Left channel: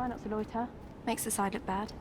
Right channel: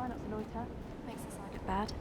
Try not to loiter. Makes the side look bad.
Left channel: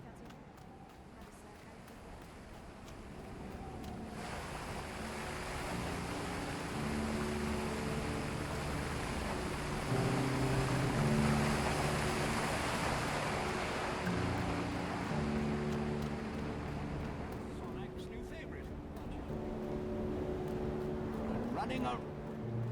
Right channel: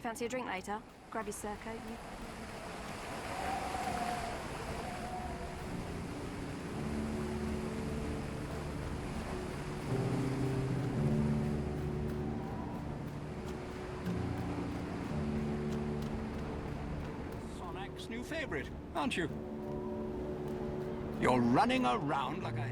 Fancy a drink later? Grab your surcoat. Sonic's new favorite, aren't you? You're running around like a...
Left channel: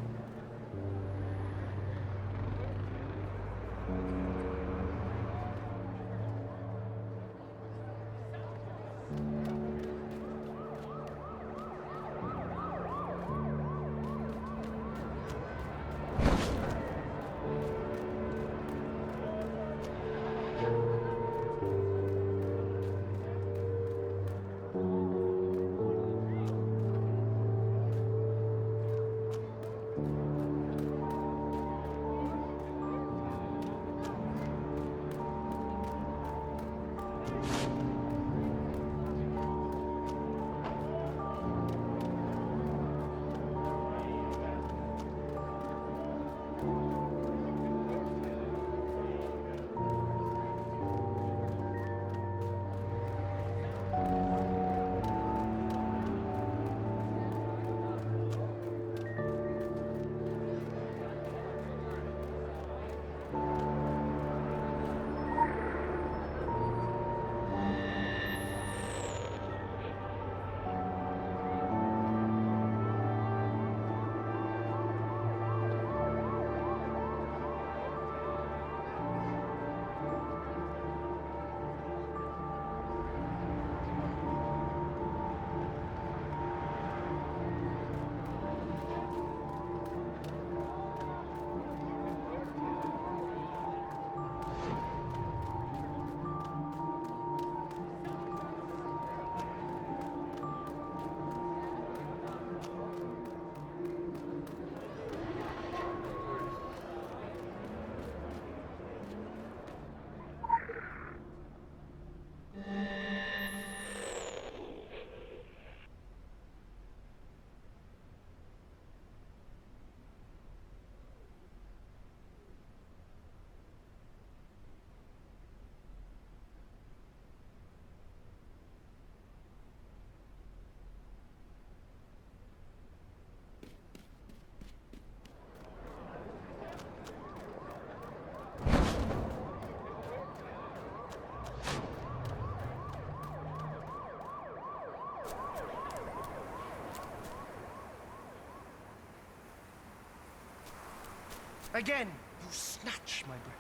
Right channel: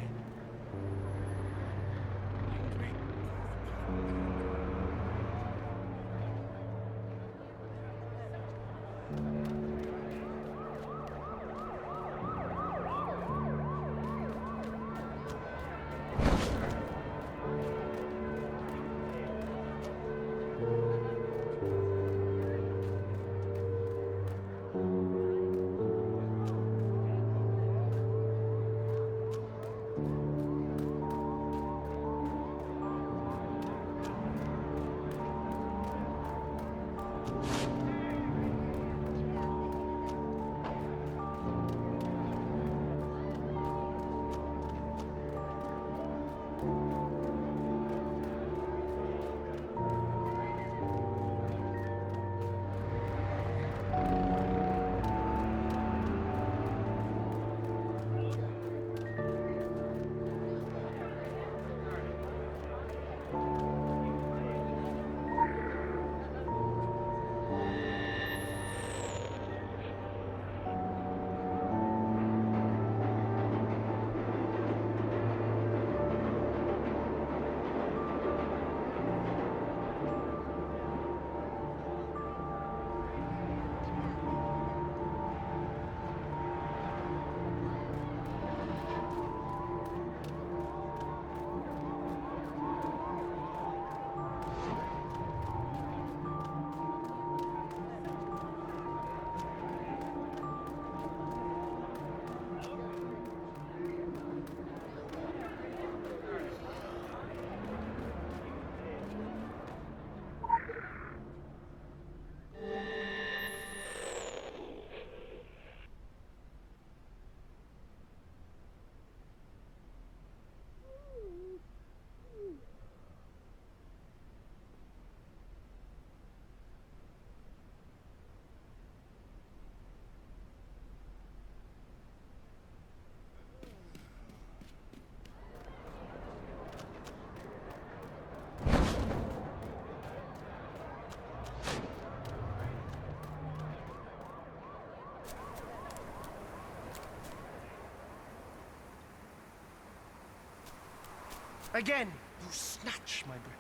Again, you snatch my breath.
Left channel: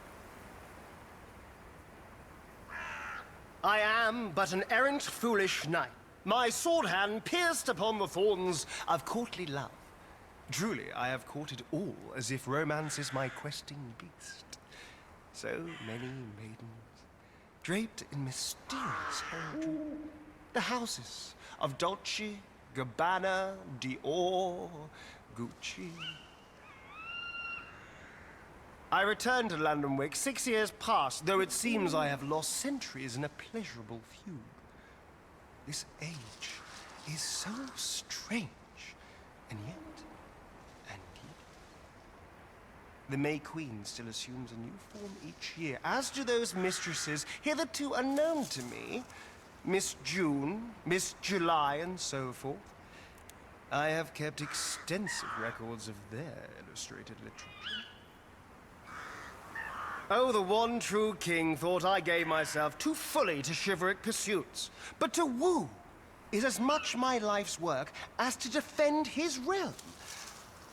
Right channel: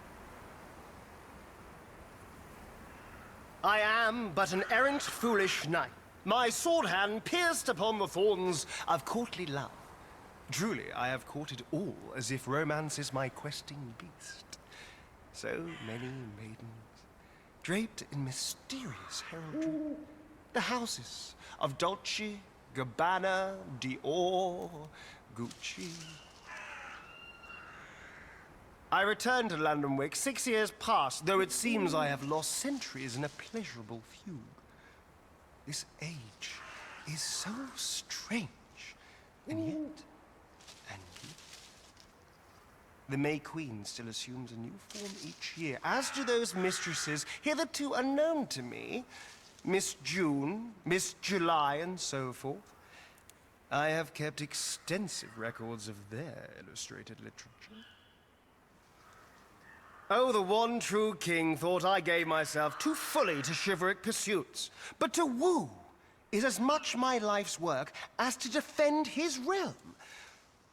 I am but an errant foolish knight, my sword hand pierced upon the thorns of courtly love. Truly, I have courted all as if romance is my questing beast. So many maidens, draped in mysterious heraldry, the houses of Dolce, Gabbana, Dior, Gucci. I returned to London Wick 6 years past, though it seems I have lost centuries in a pleasurable fugue. This age is so strange, and yet, the May Queen still assumes a new form each year, as do those mistresses hitherto unknown to me. Miss June, Miss July, and so forth. I have kept extensive records of their illustrated literature. Oh, the one true king thought I gave myself too fully to chivalric pursuits. But to woo is as much my life's work as to defend his realm.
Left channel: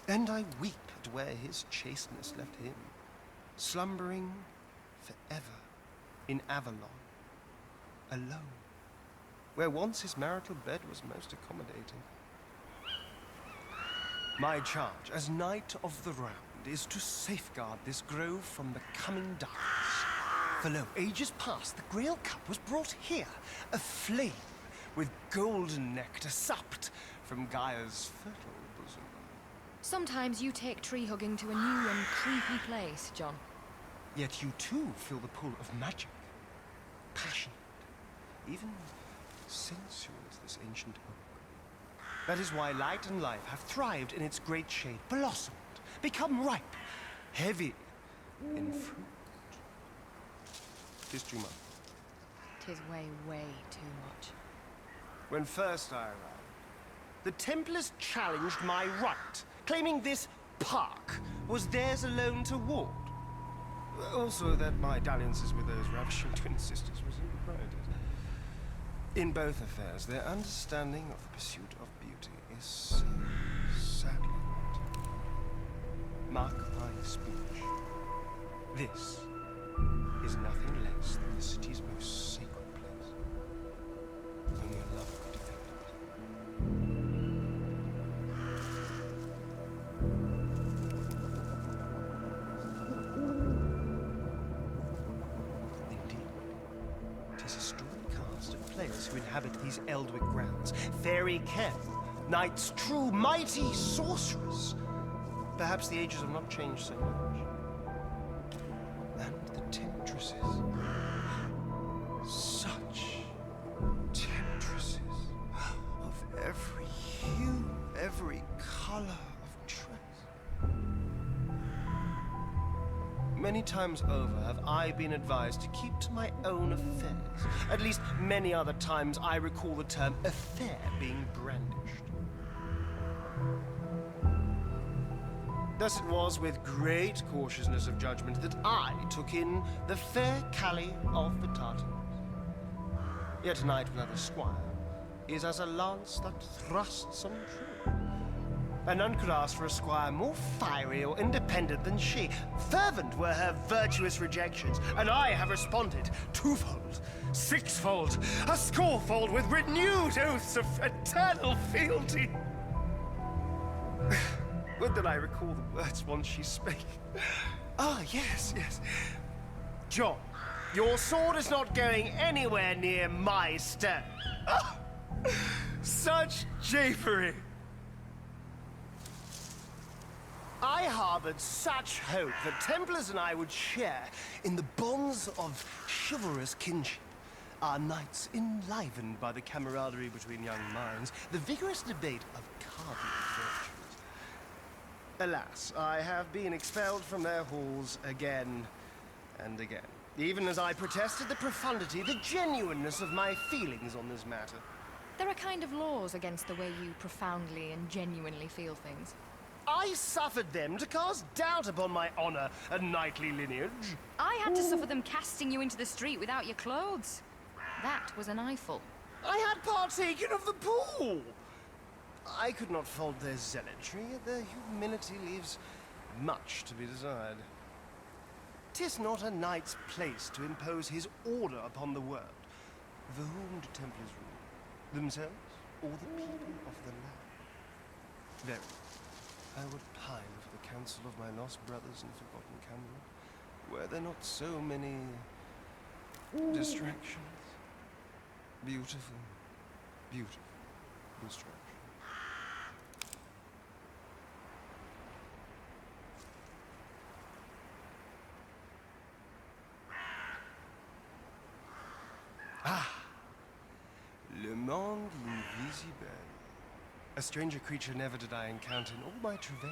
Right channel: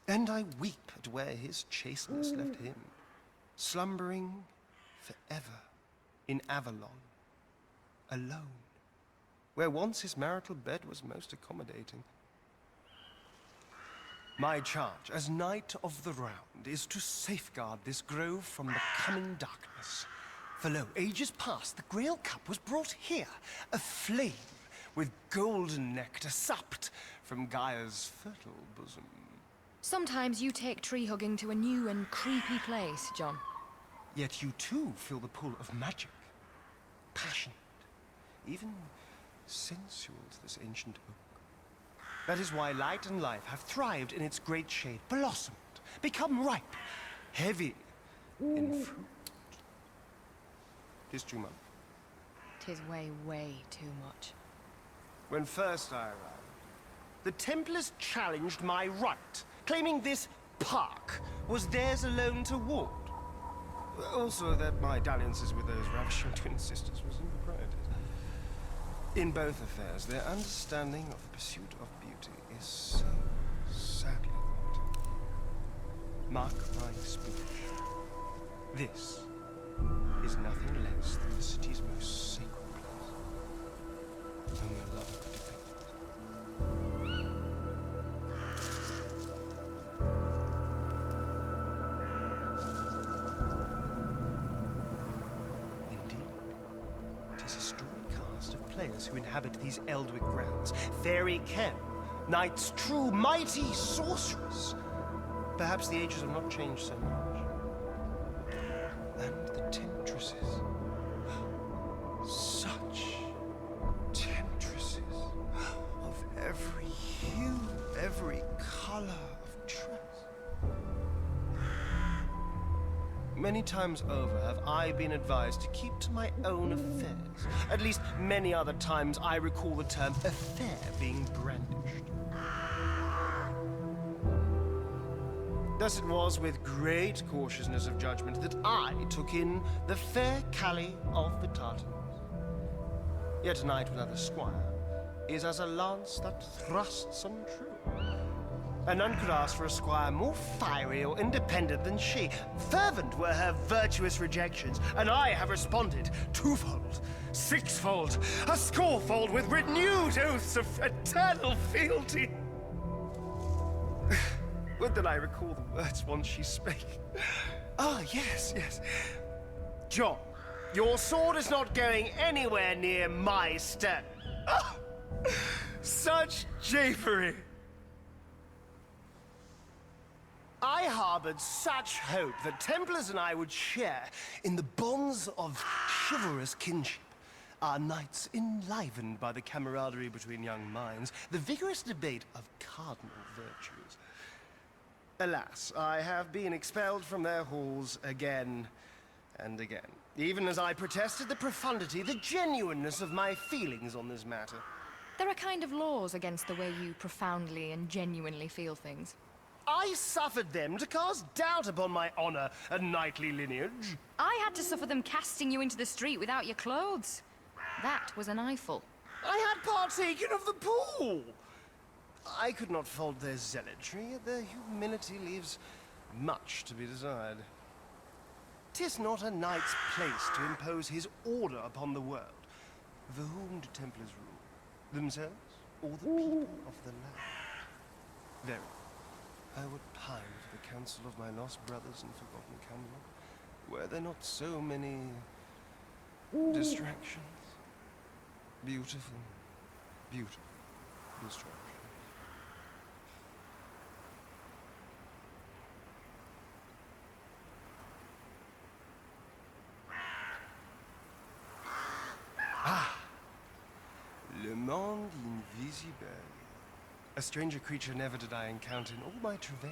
And I weep left where his chasteness left him, slumbering forever in Avalon, alone, where once his marital bed was most accommodating. My charge as Knight of the Round is to safeguard this grove from the coming darkness. For lo, ages past, the Grail Cup was brought here, aflame, with golden nectar supped from Gaia's fertile bosom. Sometimes you take tree hugging to a new and creepy place, John. Yet you too feel the pull of magic. Passionate, even sensual as this ancient oak. That is why light and life have thrived in its great shade, blossomed, become ripe, heavy in fruit. 'Tis too much. 'Tis way, way too much. When first I arrived, the Templars challenged my right, claiming this park was theirs alone to ward. Also that my dalliances with those ravishing twin sisters was improprietous. In both affairs, their understanding of the pursuit of beauty is so sadly wanting. Mark my speech. This is nothing less than the city's most sacred place. Only a lover could defend it. Indeed, 'tis a storied cast of players who inhabit these Eldwick grounds. Fairy Ken, knights true, mighty sorcerers. Perhaps the ages have not changed so much. And the temptresses. Such temptresses of every hue, every color of dress. Many times over have I been advised to keep to my own affairs. At least many other times I recall the term affair being brandished. Thus it was with great cautiousness of judgment that I took in the fair Callie of the Tartans. Yet a knight without a squire is as a lance that thrusts untrue. And none could ask for a squire more fiery or independent than she. Fervent were her virtuous rejections, and I have responded twofold, sixfold, a scorefold with renewed oaths of eternal fealty. Would that I recall the words once she spake. Ah, yes, yes. John, your sword is not going anywhere near my stern. Ah, such japery! I harbored such hope that Templars and I would share in the bonds of chivalrous kinship. Our nights enlivened by the camaraderie between young minds, the vigorous debate of cardinal virtues. Alas, I have been expelled from their halls again and again, even as I protested the profundity, the genuineness of my feelings on this matter. There are kind of laws against the way you profoundly and genuinely feel things. I suffered them to cast doubt upon my honor and knightly lineage. I had to suffer them casting you into the street without your clothes. That was an eyeful. I had partaken of the pool. I could not fault their zealotry, yet their humility leaves much to be desired. 'Tis not a knight's place to impose his order upon the world. For whom do Templars rule? Themselves, or the people of the land? Verily, I would pine for the counsel of my lost brothers in forgotten Camelot. Were there not so many distractions? Beautiful, beautiful distractions. Le monde invisible. A stranger creature never did I encounter in all my travail.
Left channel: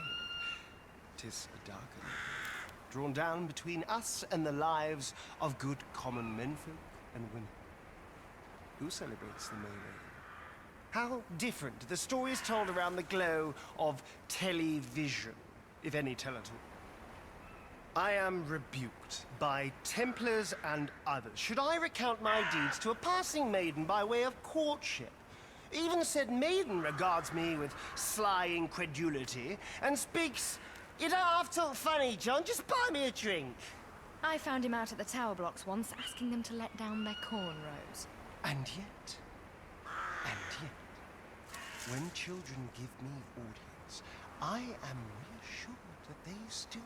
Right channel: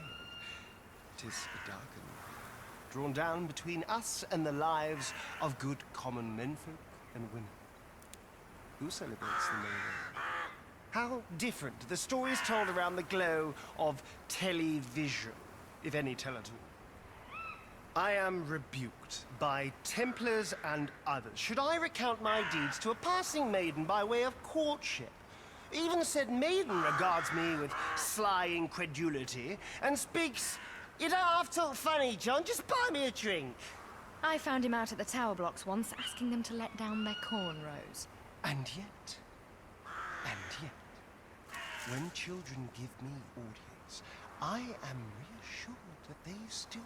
'Tis a darkened world, drawn down between us and the lives of good common menfolk and women. Who celebrates the May? How different the stories told around the glow of television, if any tell at all. I am rebuked by Templars and others. Should I recount my deeds to a passing maiden by way of courtship? Even said maiden regards me with sly incredulity and speaks You don't have to look funny, John. Just buy me a drink. I found him out at the tower blocks once, asking them to let down their cornrows. And yet, when children give me audience, I am reassured that they still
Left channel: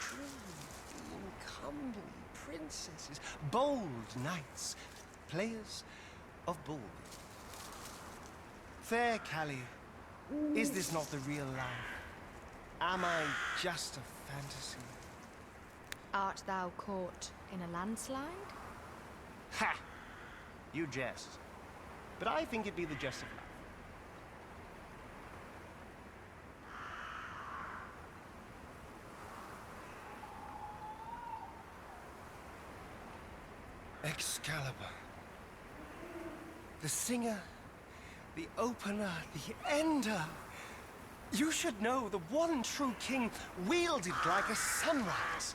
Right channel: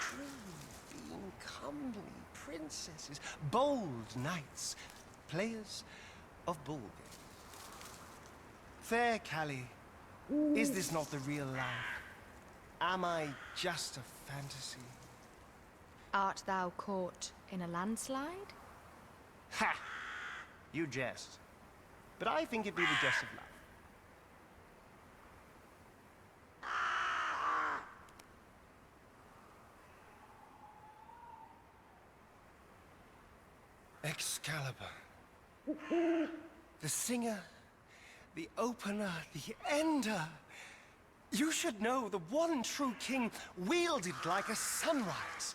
dream of being comely princesses, bold knights, players of ball games. Fair Callie, is this not the real life? Am I just a fantasy? Art thou caught in a landslide? Ha! You jest. But I think it be the jest of life. Excalibur. The singer, the opener, the ender. You should know the one true king wielded like a sunrise.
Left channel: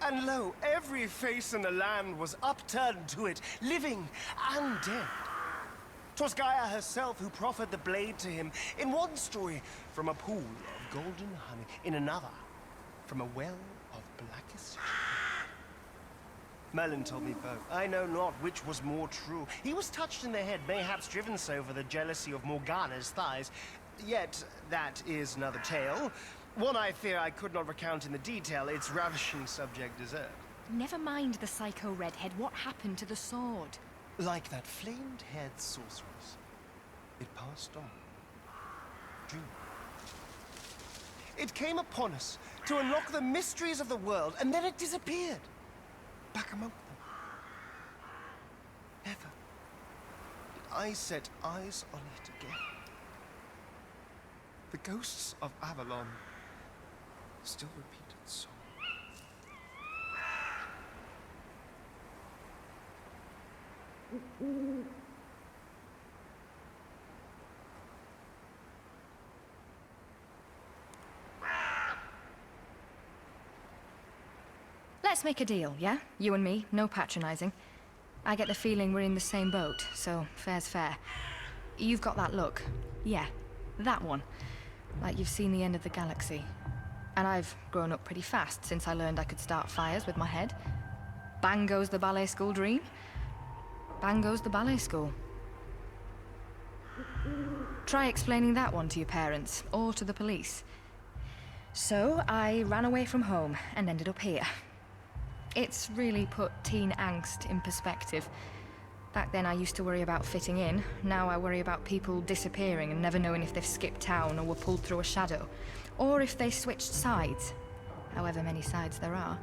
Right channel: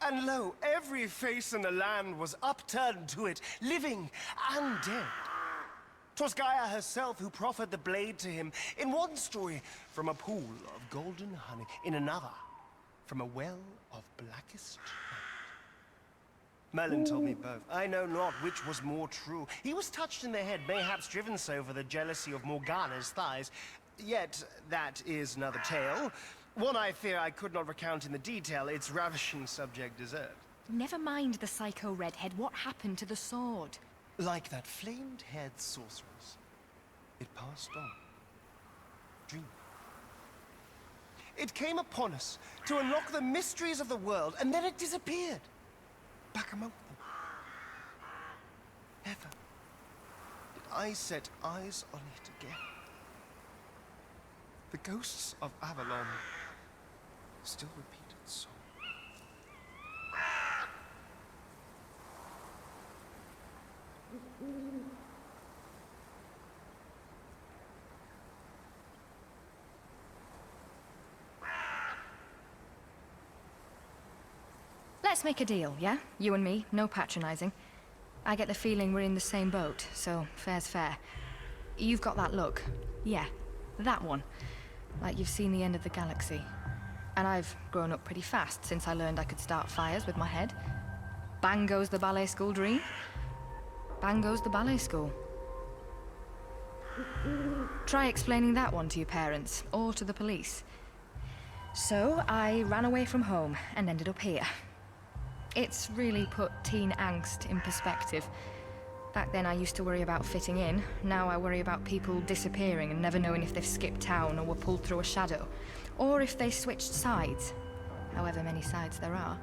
And lo, every face in the land was upturned to it, living and dead. 'Twas Gaia herself who proffered the blade to him, in one story from a pool of golden honey, in another from a well of blackest jade. Merlin told me both. I know not which was more true. He was touched in the head, mayhaps driven so for the jealousy of Morgana's thighs. Yet that is another tale. One I fear I could not recount in the detail its ravishing subject deserved. Never mind the psycho redhead. What happened to the sword? Like that flamed-haired sorceress, it passed on, dreaming. It came upon us to unlock the mysteries of the world, and then it disappeared, back among them. Never did I set eyes on it again. The ghosts of Avalon still repeated song. Let's make a deal, yeah? You and me, no patronizing. I get the feeling we're in the same boat, so fair's fair. You've got that look. Yeah, that one. Like you've seen the end of the galaxy. And I've grown up pretty fast since I learned I could start fires with my head. Bang goes the ballet school dream. Bang goes the ballet school. Try explaining that one to your parents, or to the police. So, I ran away from home and ended up here. It's really put teen angst in perspective. Back then I used to worry about fitting in. Now I worry about people disappearing and never knowing if they've skipped town or were pulled through a shadow. Or if they switched sides. However many sides there are.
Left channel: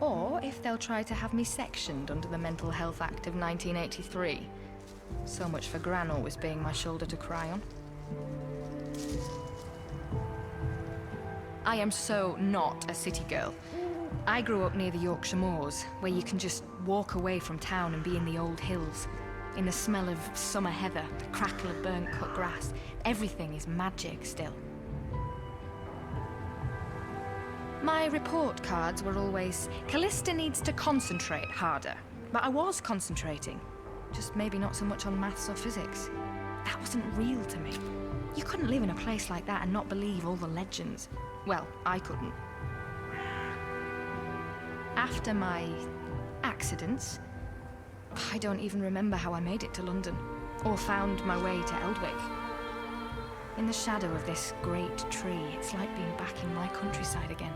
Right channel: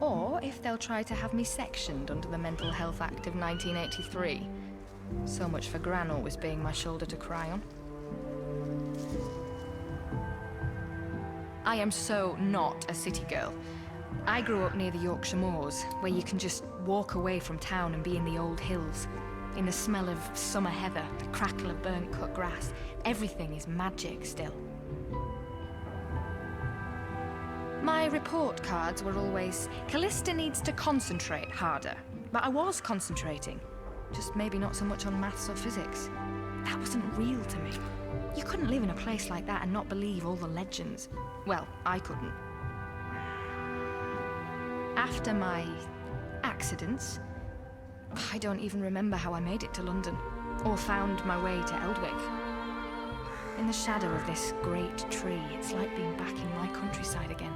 Or if they'll try to have me sectioned under the Mental Health Act of 1983. So much for Gran always being my shoulder to cry on. I am so not a city girl. I grew up near the Yorkshire Moors, where you can just walk away from town and be in the old hills. In the smell of summer heather, the crackle of burnt cut grass. Everything is magic still. My report cards were always, Callista needs to concentrate harder. But I was concentrating. Just maybe not so much on maths or physics. That wasn't real to me. You couldn't live in a place like that and not believe all the legends. Well, I couldn't. After my accidents, I don't even remember how I made it to London, or found my way to Eldwick. In the shadow of this great tree, it's like being back in my countryside again.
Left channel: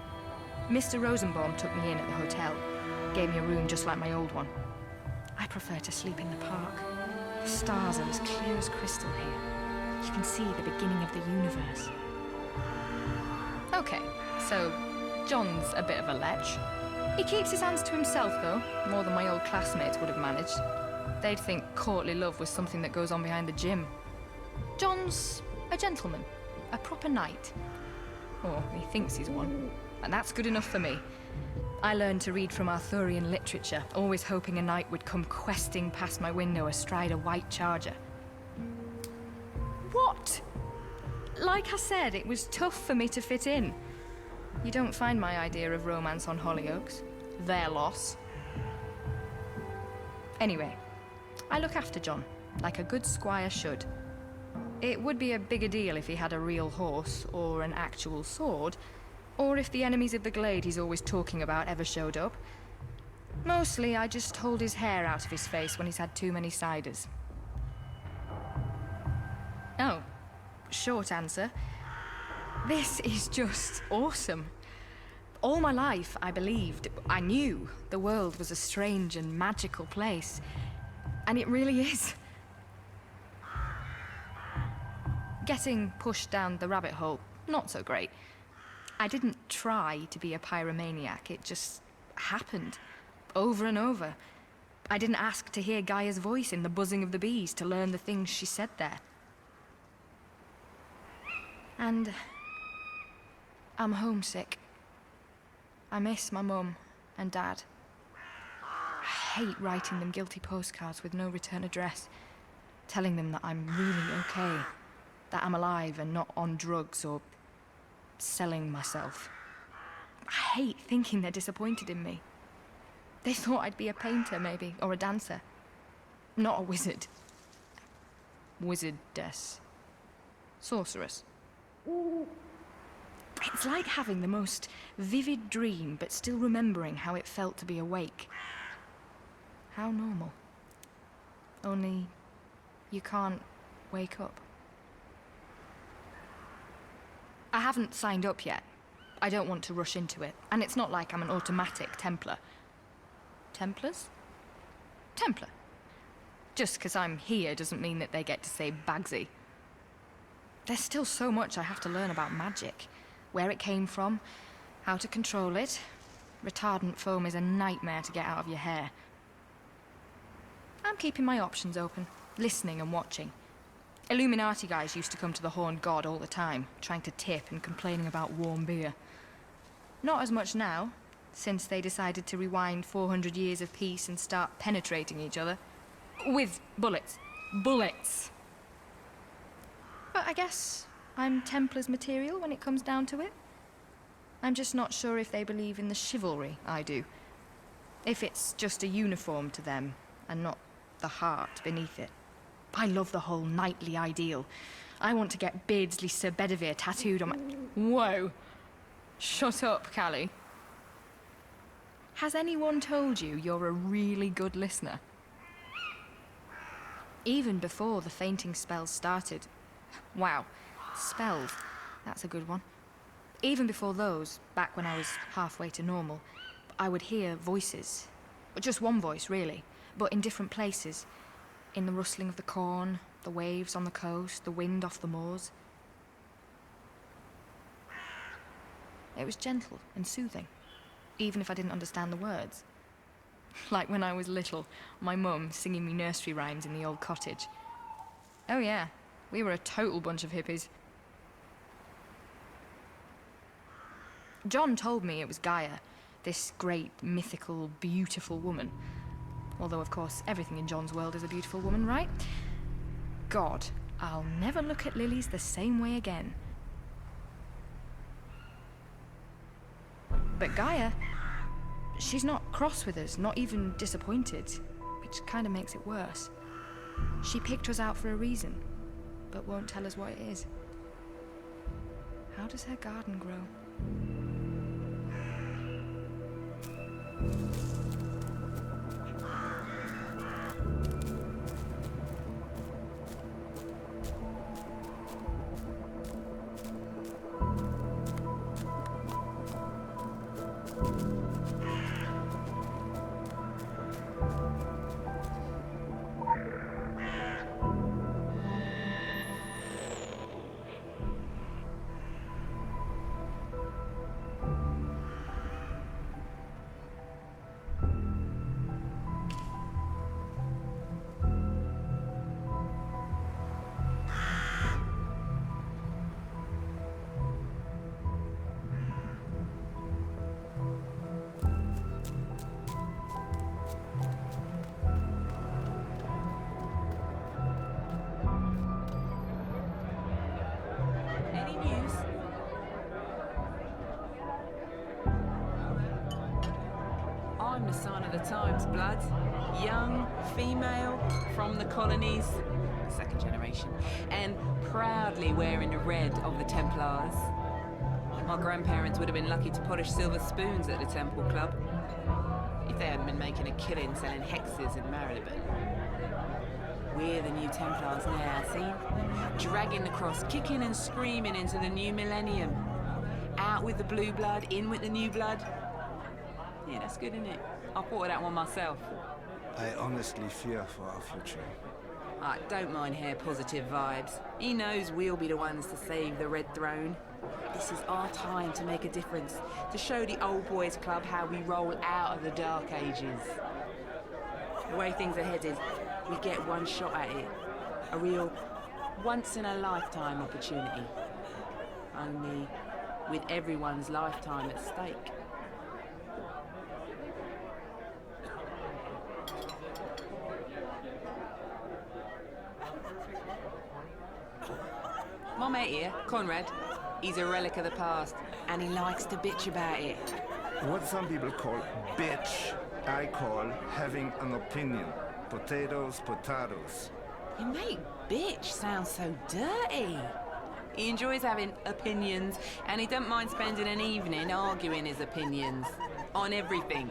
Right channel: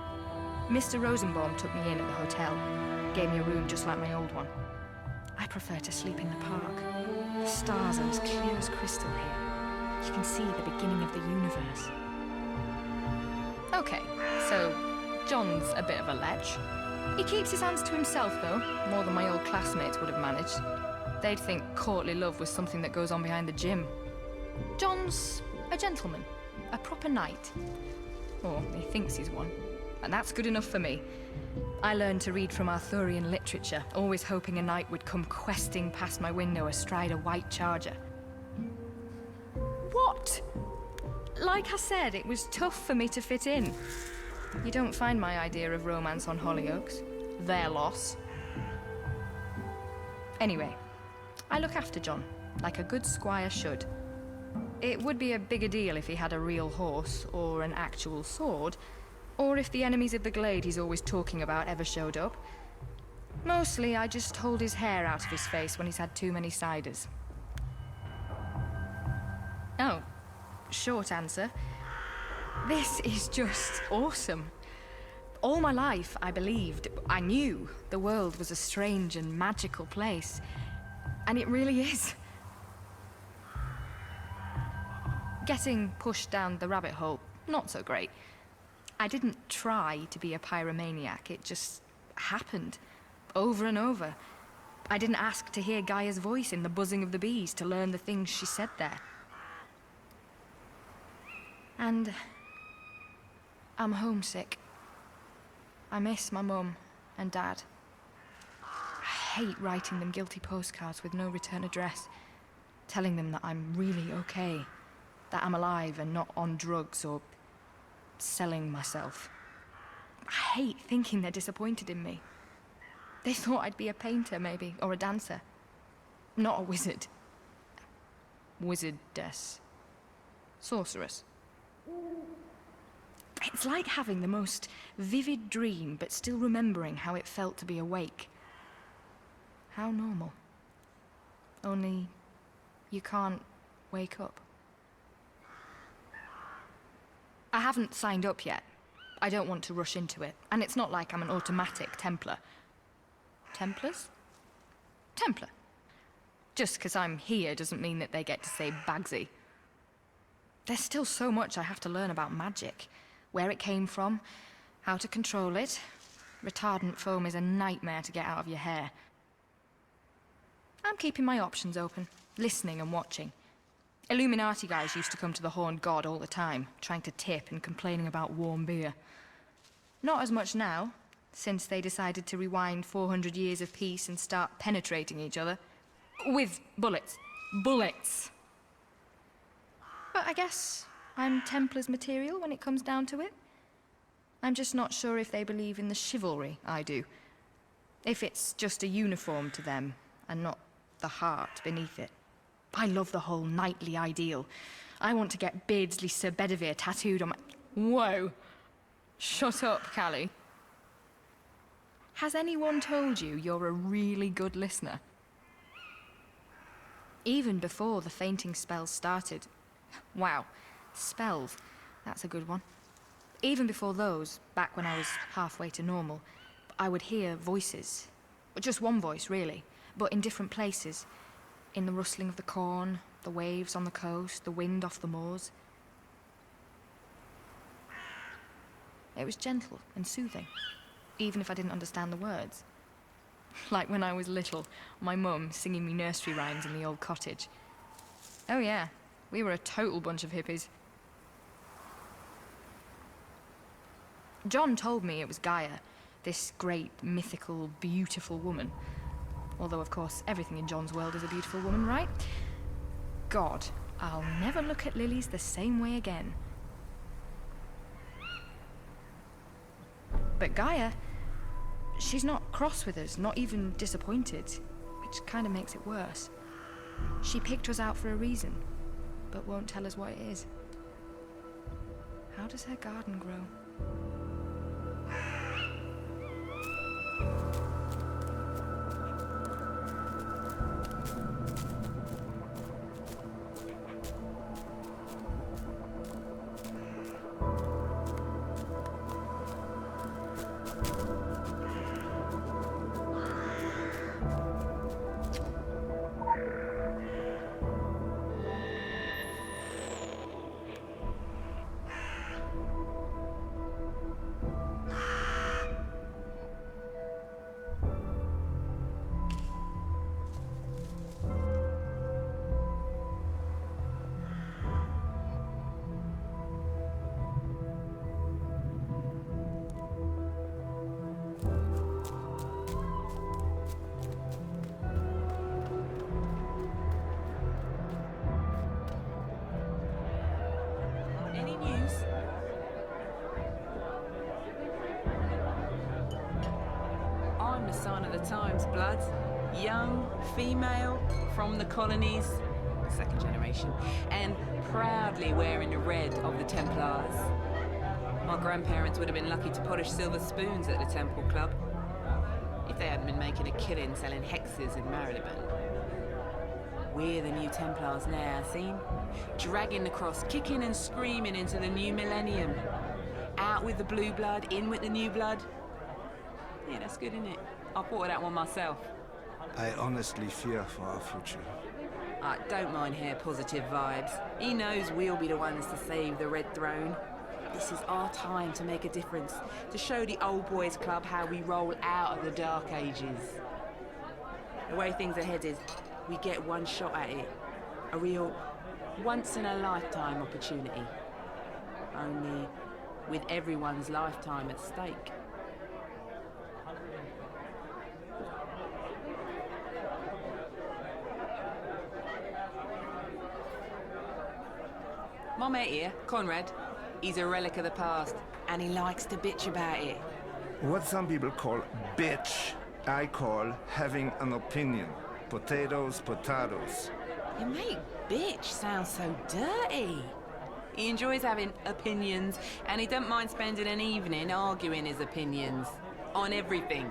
Mr. Rosenbaum took me in at the hotel, gave me a room just like my old one. I prefer to sleep in the park. The stars are as clear as crystal here. You can see the beginning of the universe. Okay, so John's a bit of a lech. He keeps his hands to himself, though, more than my old classmates would have managed. They'd think courtly love was something that goes on behind the gym. John's a gentleman, a proper knight. Or he thinks he's one, and that's good enough for me. I learned to read from Arthurian literature, always hoping a knight would come questing past my window astride a white charger. What? Like I said, it was tough for me to fit in. You don't find my idea of romance on Hollyoaks. Their loss. Anyway, I look after John, like a good squire should. It would be a bigger deal if he had a real horse, or an actual sword, or if the enemies of the glade he's always talking about ever showed up. Mostly, I just hold his hair out of his face when he's had too many ciders. Oh, short answer. This is just awesome. All my life, I believed, I knew the world was a strange and magical place. And it really is. Getting pushed down the rabbit hole, not so great. I didn't try to be a pyromaniac, it just happened. Over and over. I didn't ask to hear Gaia's voice in the buzzing of the bees to learn the things she said there. And I'm homesick. I miss my mum and dad. I hate writing them guilty postcards with no return address, telling them that I'm really okay, that I'm alive and not on drugs or selling myself. I hate thinking they're disappointed in me. They thought I'd be a painter, maybe, or a dancer. Not a wizard. Wizardess. Sorceress. It's like having the most vivid dream, but still remembering how it felt to be awake. How normal. Only you can't wake up. I haven't signed up yet. I don't want to rush into it, and it's not like I'm an automatic Templar. Templars? Templar. Just because I'm here doesn't mean that they get to say Bagsy. There's still so much I have to learn about magic. Where it came from, how to control it. Retardant foam is a nightmare to get out of your hair. I'm keeping my options open, listening and watching. Illuminati guys used to come to the Horned God all the time, trying to tip and complaining about warm beer. Not as much now, since they decided to rewind 400 years of peace and start penetrating each other. With bullets. Bullets! But I guess I'm Templar's material when it comes down to it. I'm just not sure if they believe in the chivalry I do. If it's just a uniform to them, and not the heart beneath it. I love the whole knightly ideal. I want to get Beardsley Sir Bedivere tattooed on my... Whoa! Shut up, Callie. Has anyone told you you're a really good listener? Even before the fainting spells started... Wow, spells. That's a good one. Even before those, back when I was halfway to normal, I would hear voices. Just one voice, really, but in different places. In the rustling of the corn, the waves on the coast, the wind off the moors. It was gentle and soothing, even if I didn't understand the words. Like when I was little, my mum singing me nursery rhymes in the old cottage. Oh yeah, we were a total bunch of hippies. John told me it was Gaia, this great, mythical, beautiful woman. Although, of course, everything in John's world is a beautiful woman, right? God, I'll never look at lilies the same way again. But Gaia, she's not cross with us, not even disappointed, which kind of makes it worse. She picked us out for a reason, but won't tell us what it is. How does her garden grow? Any news? I'm the sign of the times, blood. Young, female, from the colonies. second generation, and proudly wearing the red of the Templars. My grandparents would have been lucky to polish silver spoons at the Temple Club, if they hadn't been making a killing selling hexes in Marylebone. We're the new Templars now, seen? Dragging the cross, kicking and screaming into the new millennium. Out with the blue blood, in with the new blood. Yeah, that's good, isn't it? I thought of that one myself. I honestly fear for our future. I don't mind hair positive vibes. He knows we'll be the ones to save the Red Throne. This is our time to make a difference, to show the old boys club how we roll out of the Dark Ages. The way things are headed, we get one shot at it. A real once-in-a-lifetime opportunity. Only with everyone's lifetime at stake. My mate here, Conrad, he's a relic of the past, and he likes to bitch about it. What some people call bitch, I call having an opinion. Potatoes, potatoes. Your mate bitch sounds so dirty. He enjoys having opinions, and he don't mind spending an evening arguing his opinions. On everything.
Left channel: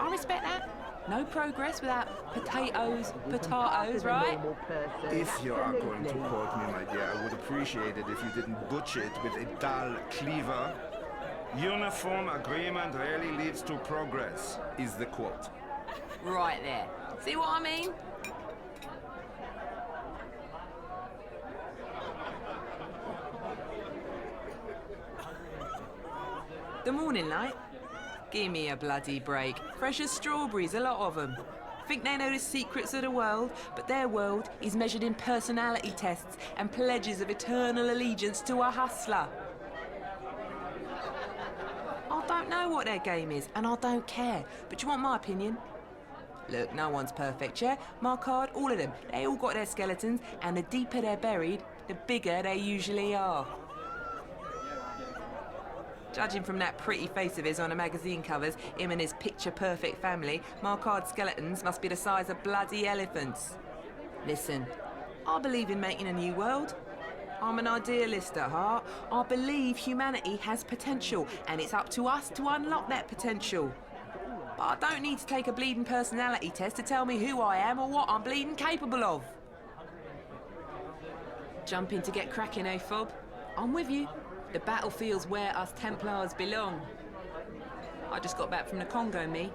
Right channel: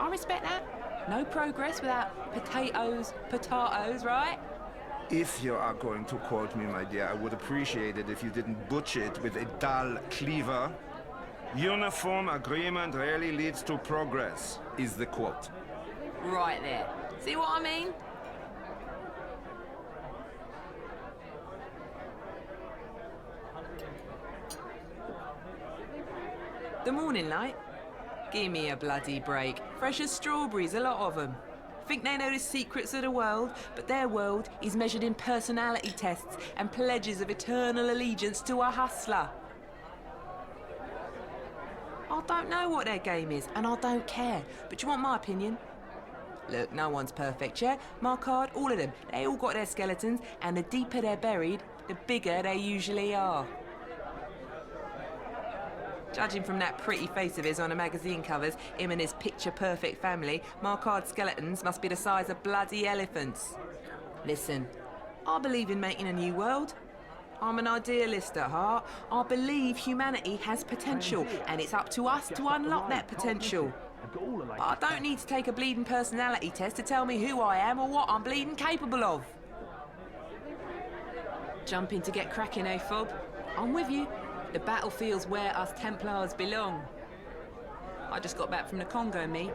I respect that. No progress without potatoes, right? If you are going to quote me, my dear, I would appreciate it if you didn't butcher it with a dull cleaver. Uniform agreement rarely leads to progress, is the quote. Right there. See what I mean? The morning light? Give me a bloody break. Fresh as strawberries, a lot of them. Think they know the secrets of the world, but their world is measured in personality tests and pledges of eternal allegiance to a hustler. I don't know what their game is, and I don't care. But you want my opinion? Look, no one's perfect, yeah? My card, all of them. They all got their skeletons, and the deeper they're buried, the bigger they usually are. Judging from that pretty face of his on the magazine covers, him and his picture-perfect family, Marcard's skeletons must be the size of bloody elephants. Listen, I believe in making a new world. I'm an idealist at heart. I believe humanity has potential, and it's up to us to unlock that potential. But I don't need to take a bleeding personality test to tell me who I am or what I'm bleeding capable of. Jumping to get cracking, eh, Fob? I'm with you. The battlefield's where us Templars belong. I just got back from the Congo, me.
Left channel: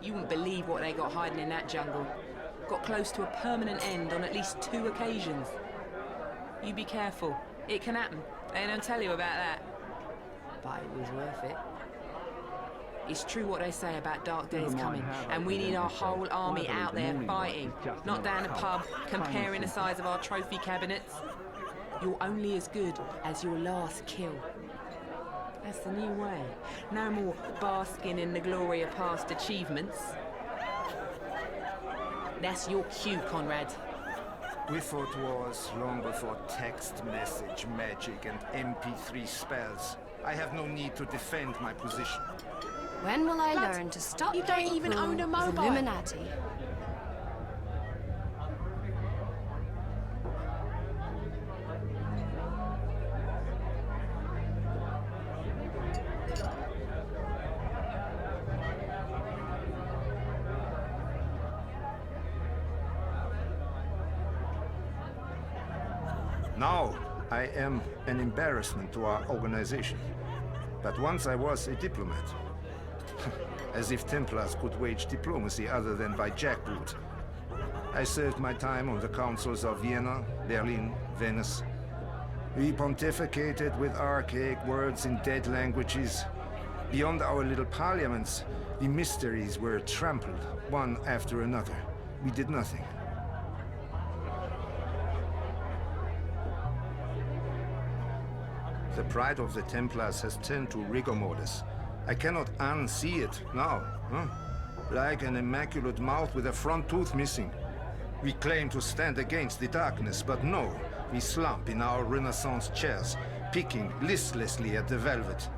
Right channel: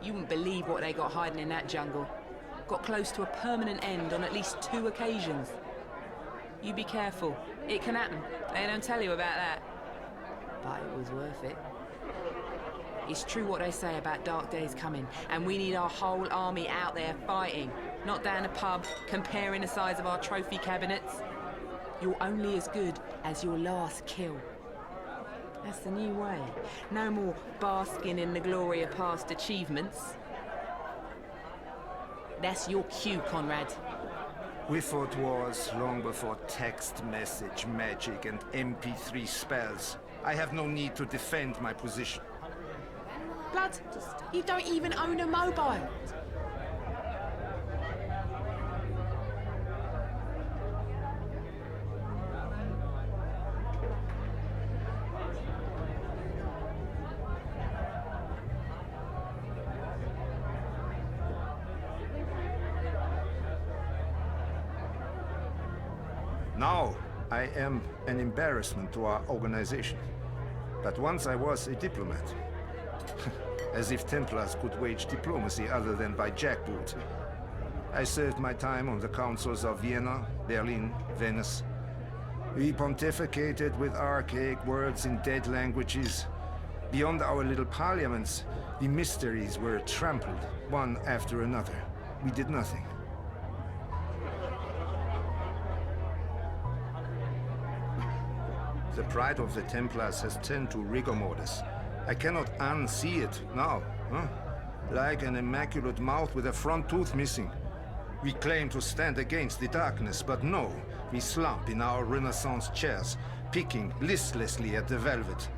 You wouldn't believe what they got hiding in that jungle. Got close to a permanent end on at least 2 occasions. You be careful. It can happen. They don't tell you about that. But it was worth it. It's true what they say about dark days coming, and we need our whole army out there fighting, not down a pub, comparing the size of our trophy cabinets. You're only as good as your last kill. That's the new way. No more basking in the glory of past achievements. That's your cue, Conrad. We fought wars long before text message magic and MP3 spells. I have no need to defend my position. When will I Blood, learn to stop? you don't playing even fool own a with mobile. Illuminati? Now, I am an embarrassment to our organization. But once I was a diplomat. As if Templars could wage diplomacy other than by jackboot. I served my time on the councils of Vienna, Berlin, Venice. We pontificated with archaic words in dead languages. Beyond our little parliaments, the mysteries were trampled, one after another. We did nothing. The pride of the Templars has turned to rigor mortis. I cannot unsee it now, huh? Like an immaculate mouth with a front tooth missing. We claim to stand against the darkness, but no, we slump in our Renaissance chairs, picking listlessly at the velvet.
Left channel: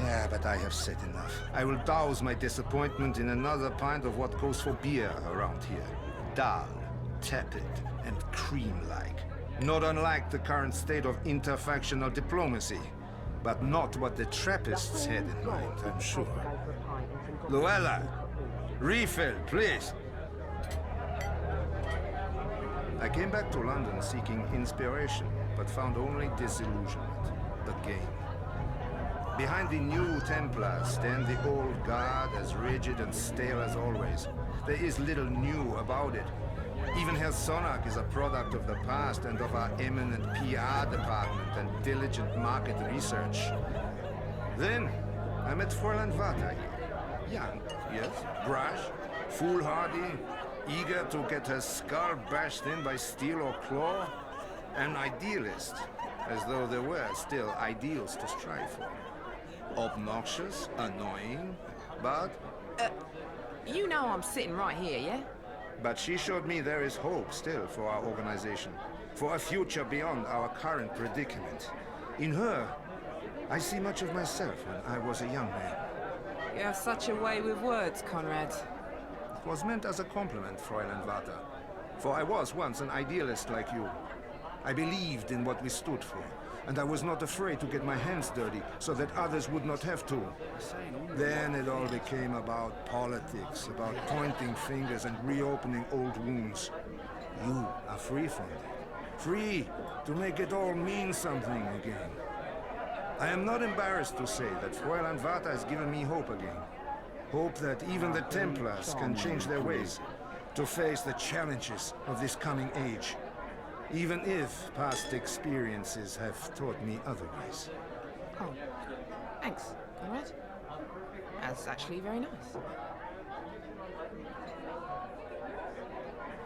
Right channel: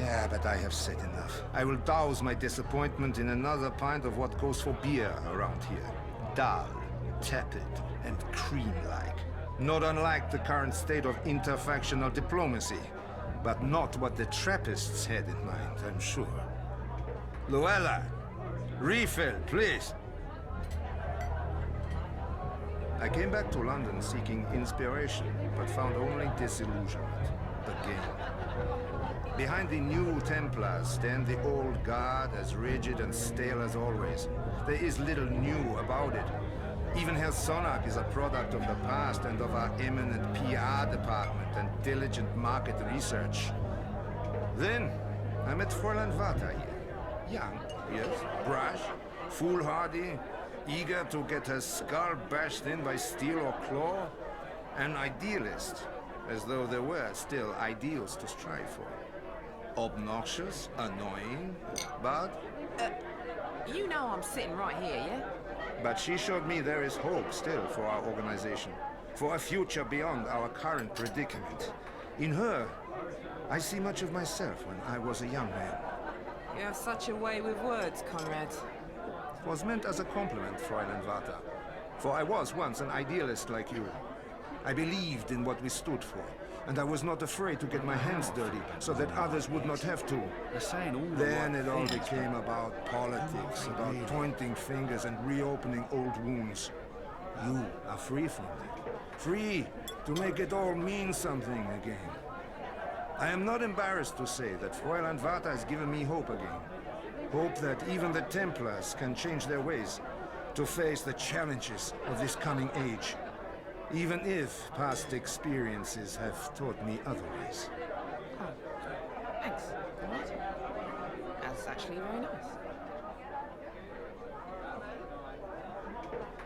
Yeah, but I have said enough. I will douse my disappointment in another pint of what goes for beer around here. dull, tepid, and cream-like. Not unlike the current state of interfactional diplomacy, but not what the Trappists had in mind, I'm sure. Luella, refill, please. I came back to London seeking inspiration, but found only disillusionment. Again. Behind the new Templars stand the old guard, as rigid and stale as always. There is little new about it. Even Herr Sonnak is a product of the past and of our eminent PR department and diligent market research. Then, I met Fräulein Vata here. Young, yes, brash, foolhardy, eager to get her skull bashed in by steel or claw. An idealist, as though there were still ideals to strive for. Obnoxious, annoying, but... You know I'm sitting right here, yeah? But she showed me there is hope still for our organization, for a future beyond our current predicament. In her, I see much of myself when I was a young man. You have such a way with words, Conrad. It was meant as a compliment, Fräulein Vata. For I was once an idealist like you. I believed in what we stood for, and I was not afraid to get my hands dirty so that others would not have to. Then it all became about politics, about pointing fingers and reopening old wounds. You are free from that. Free to make it all mean something again. I am not embarrassed to say that Fräulein Vata has given me hope again. Hope that even the Templars can change their ways to face the challenges of this coming age. Even if past experiences have taught me otherwise. Oh, thanks, Conrad. That's actually very nice.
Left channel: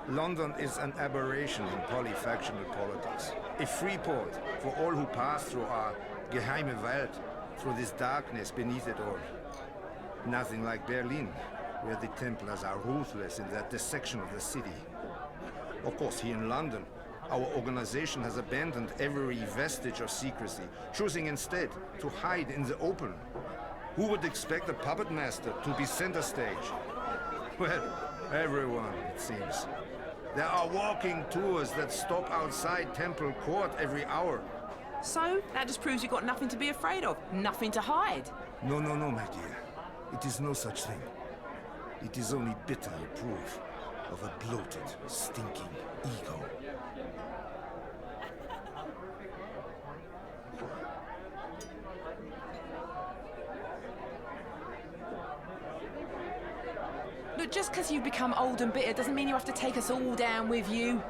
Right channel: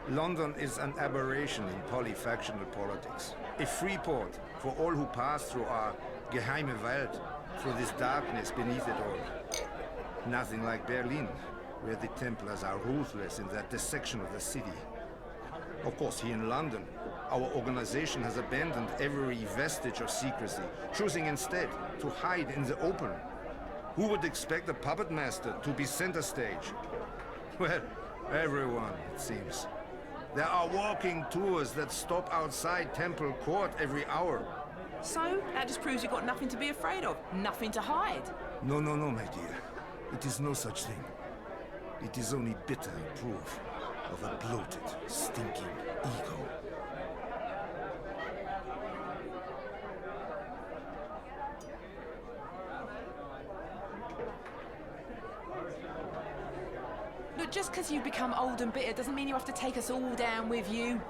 London is an aberration in polyfactional politics. A free port for all who pass through our geheime Welt, through this darkness beneath it all. Nothing like Berlin, where the Templars are ruthless in that dissection of the city. Of course, here in London, our organization has abandoned every vestige of secrecy, choosing instead to hide in the open. Who would expect a puppet master to be center stage? Well, everyone, it seems. There are walking tours that stop outside Temple Court every hour. So, that just proves you've got nothing to be afraid of, nothing to hide. No, my dear. It is no such thing. It is only bitter proof of a bloated, stinking ego. Look, just because you've become old and bitter doesn't mean you have to take us all down with you.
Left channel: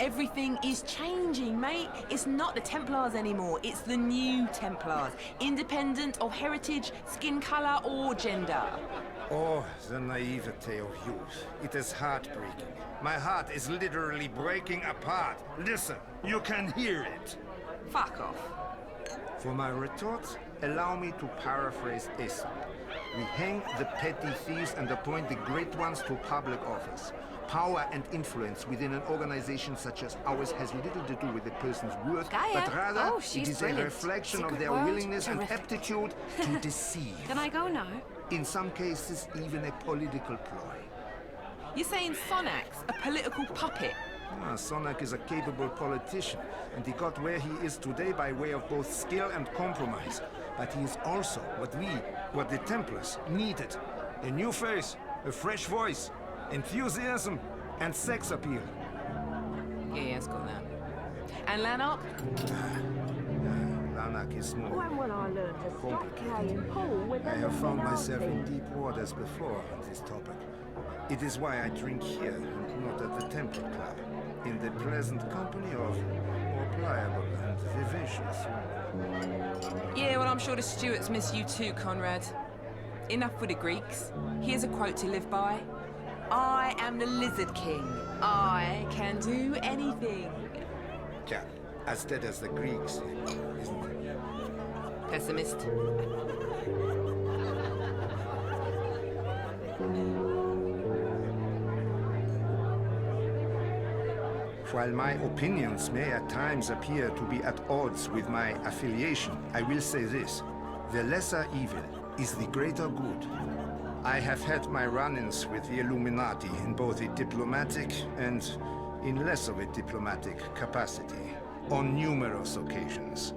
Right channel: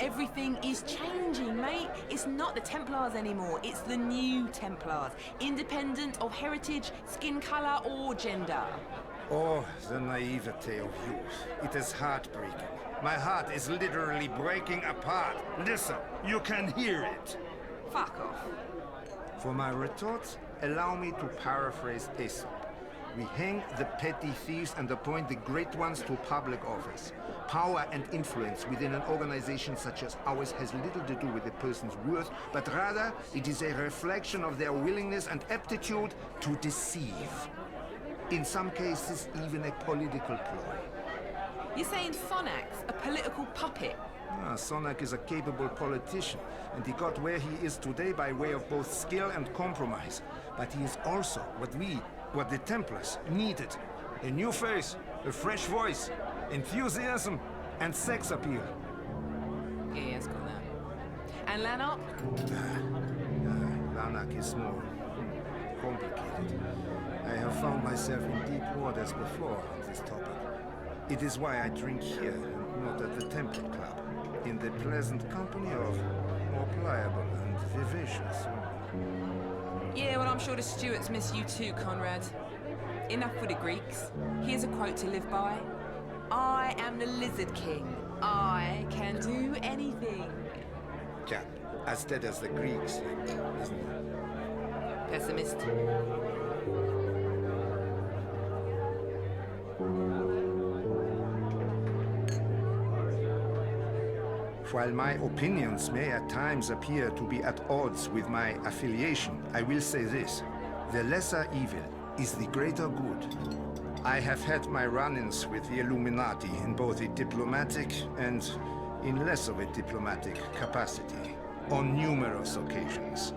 Everything is changing, mate. It's not the Templars anymore. It's the new Templars. Independent of heritage, skin color, or gender. Oh, the naivete of youth. It is heartbreaking. My heart is literally breaking apart. Listen, you can hear it. Fuck off. For my retort, allow me to paraphrase Aesop. We hang the petty thieves and appoint the great ones to public office. Power and influence within an organization such as ours has little to do with a person's worth, but rather it is a reflection of their willingness and aptitude to deceive. Can I go now? In some cases, even a political ploy. You're saying Sonnak's a political puppet? Sonnak is a capable politician, and he got where he is today by way of both skill and compromise. But he is also what the Templars needed. A new face, a fresh voice, enthusiasm, and sex appeal. Yeah, it's got that. And Lanark? Lanark is more complicated. I have found myself in deep waters before on this topic. It is why I drink here and not at the Temple Club, in the pleasant company of more pliable and vivacious women. Yeah, well, I'm sure the Stuarts miss you too, Conrad. Enough with the Greeks. Here's a quote to live by. I am the Lizard King. I can do anything. Yeah, as dead as the Greeks, isn't it? Pessimist. While my opinions may at times appear to be at odds with my affiliation, I will say this. The lesser evil is the greater good. I have had my run-ins with the Illuminati in both a diplomatic and in less of a diplomatic capacity on numerous occasions.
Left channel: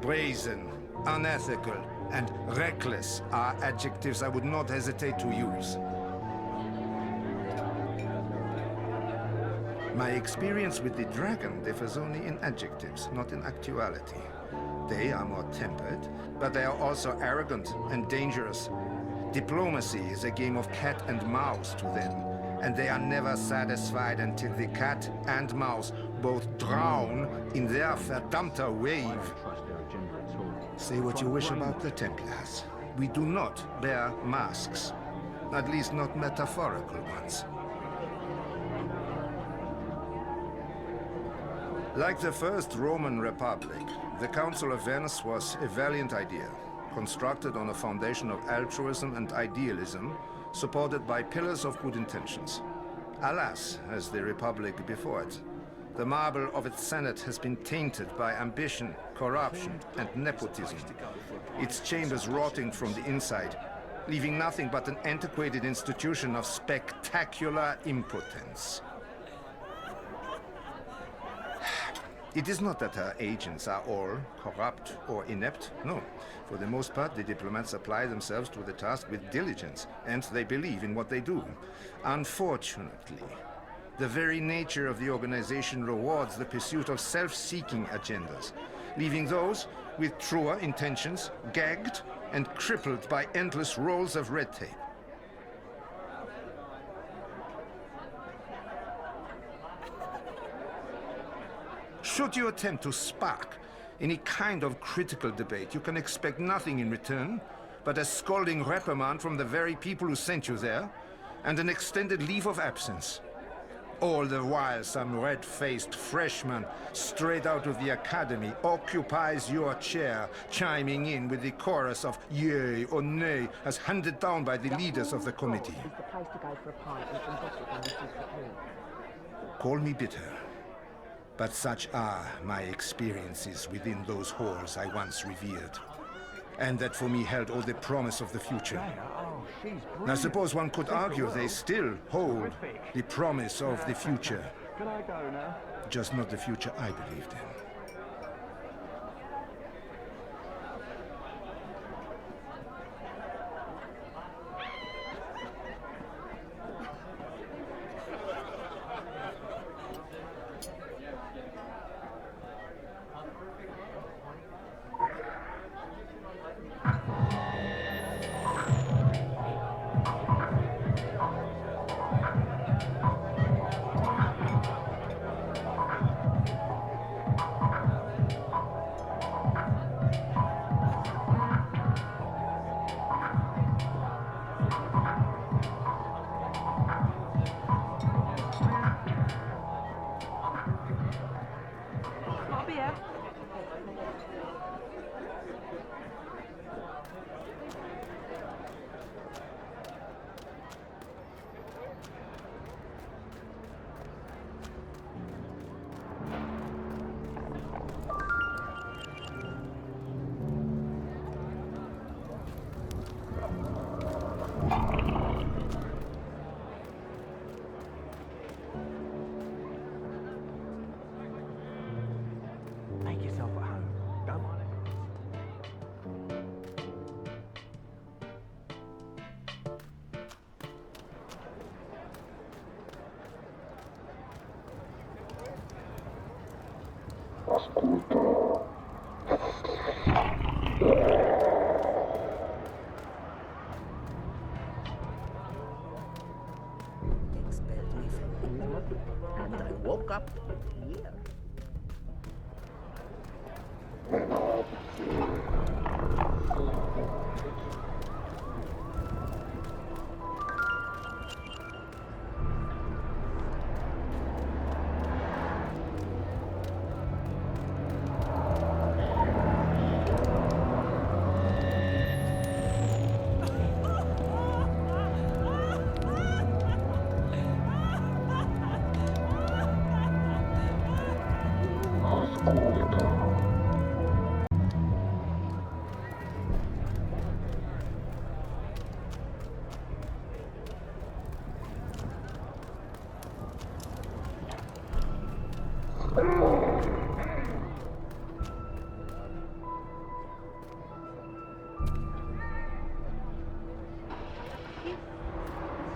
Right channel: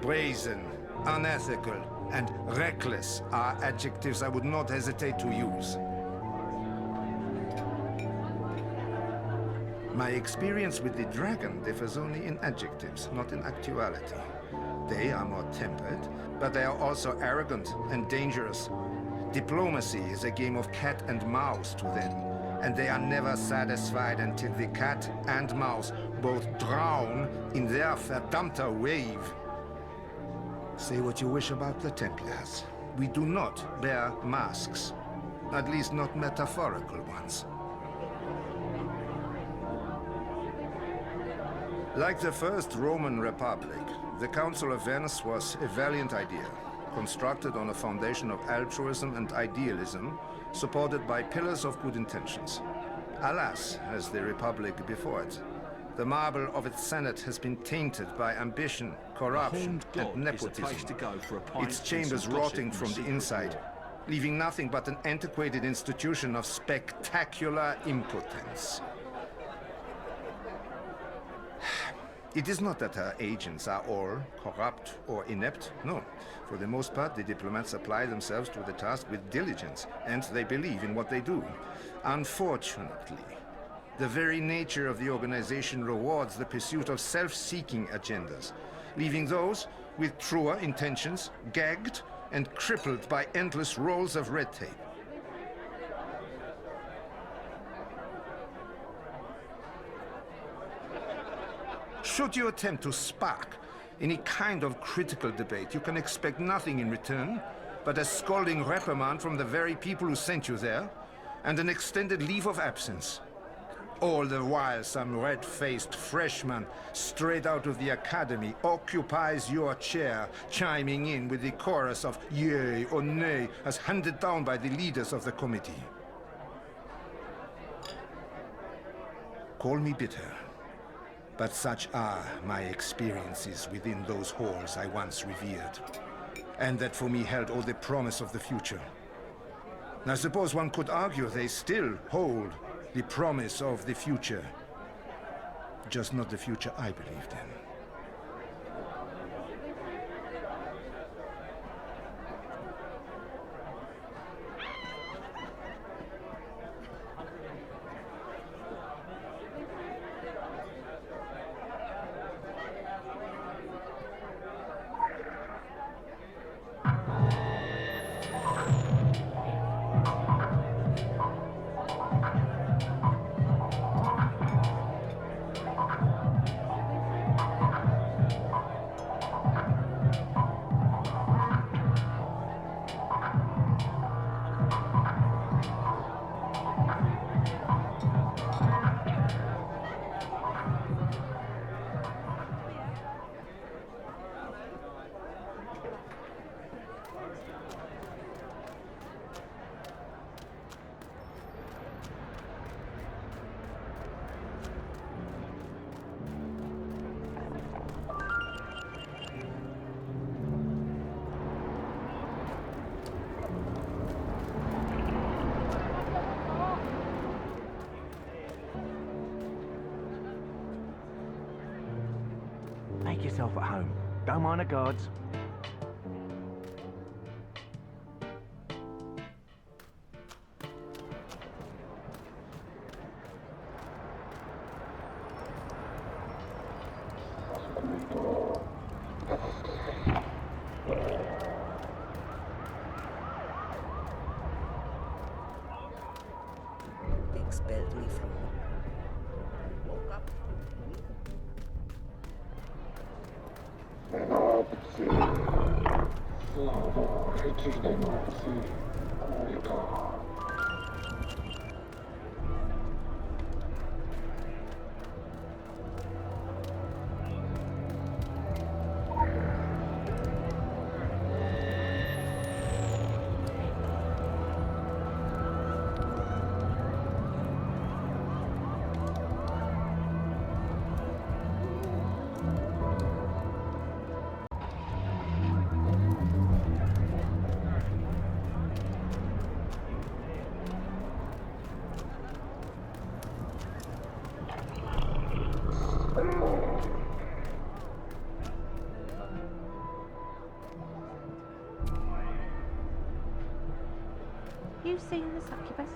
Brazen, unethical, and reckless are adjectives I would not hesitate to use. My experience with the dragon differs only in adjectives, not in actuality. They are more tempered, but they are also arrogant and dangerous. Diplomacy is a game of cat and mouse to them, and they are never satisfied until the cat and mouse both drown in their verdammter wave. Say what you wish about the Templars. We do not bear masks. At least not metaphorical ones. Like the First Roman Republic, the Council of Venice was a valiant idea, constructed on a foundation of altruism and idealism, supported by pillars of good intentions. Alas, as the Republic before it, the marble of its Senate has been tainted by ambition, corruption, and nepotism. Its chambers rotting from the inside, leaving nothing but an antiquated institution of spectacular impotence. It is not that our agents are all corrupt or inept, no. For the most part, the diplomats apply themselves to the task with diligence, and they believe in what they do. Unfortunately, the very nature of the organization rewards the pursuit of self-seeking agendas, leaving those with truer intentions gagged and crippled by endless rolls of red tape. Should you attempt to spark any kind of critical debate, you can expect nothing in return but a scalding reprimand from the very people who sent you there, and an extended leave of absence. All the while some red-faced freshman straight out of the academy occupies your chair, chiming in with the chorus of yea or nay as handed down by the leaders of the committee. Call me bitter, but such are my experiences within those halls I once revered, and that for me held all the promise of the future. I suppose one could argue they still hold the promise of the future, just not the future I believed in. Make yourself at home. Don't mind the guards. Expelled me from here, and I woke up here. You've seen the succubus?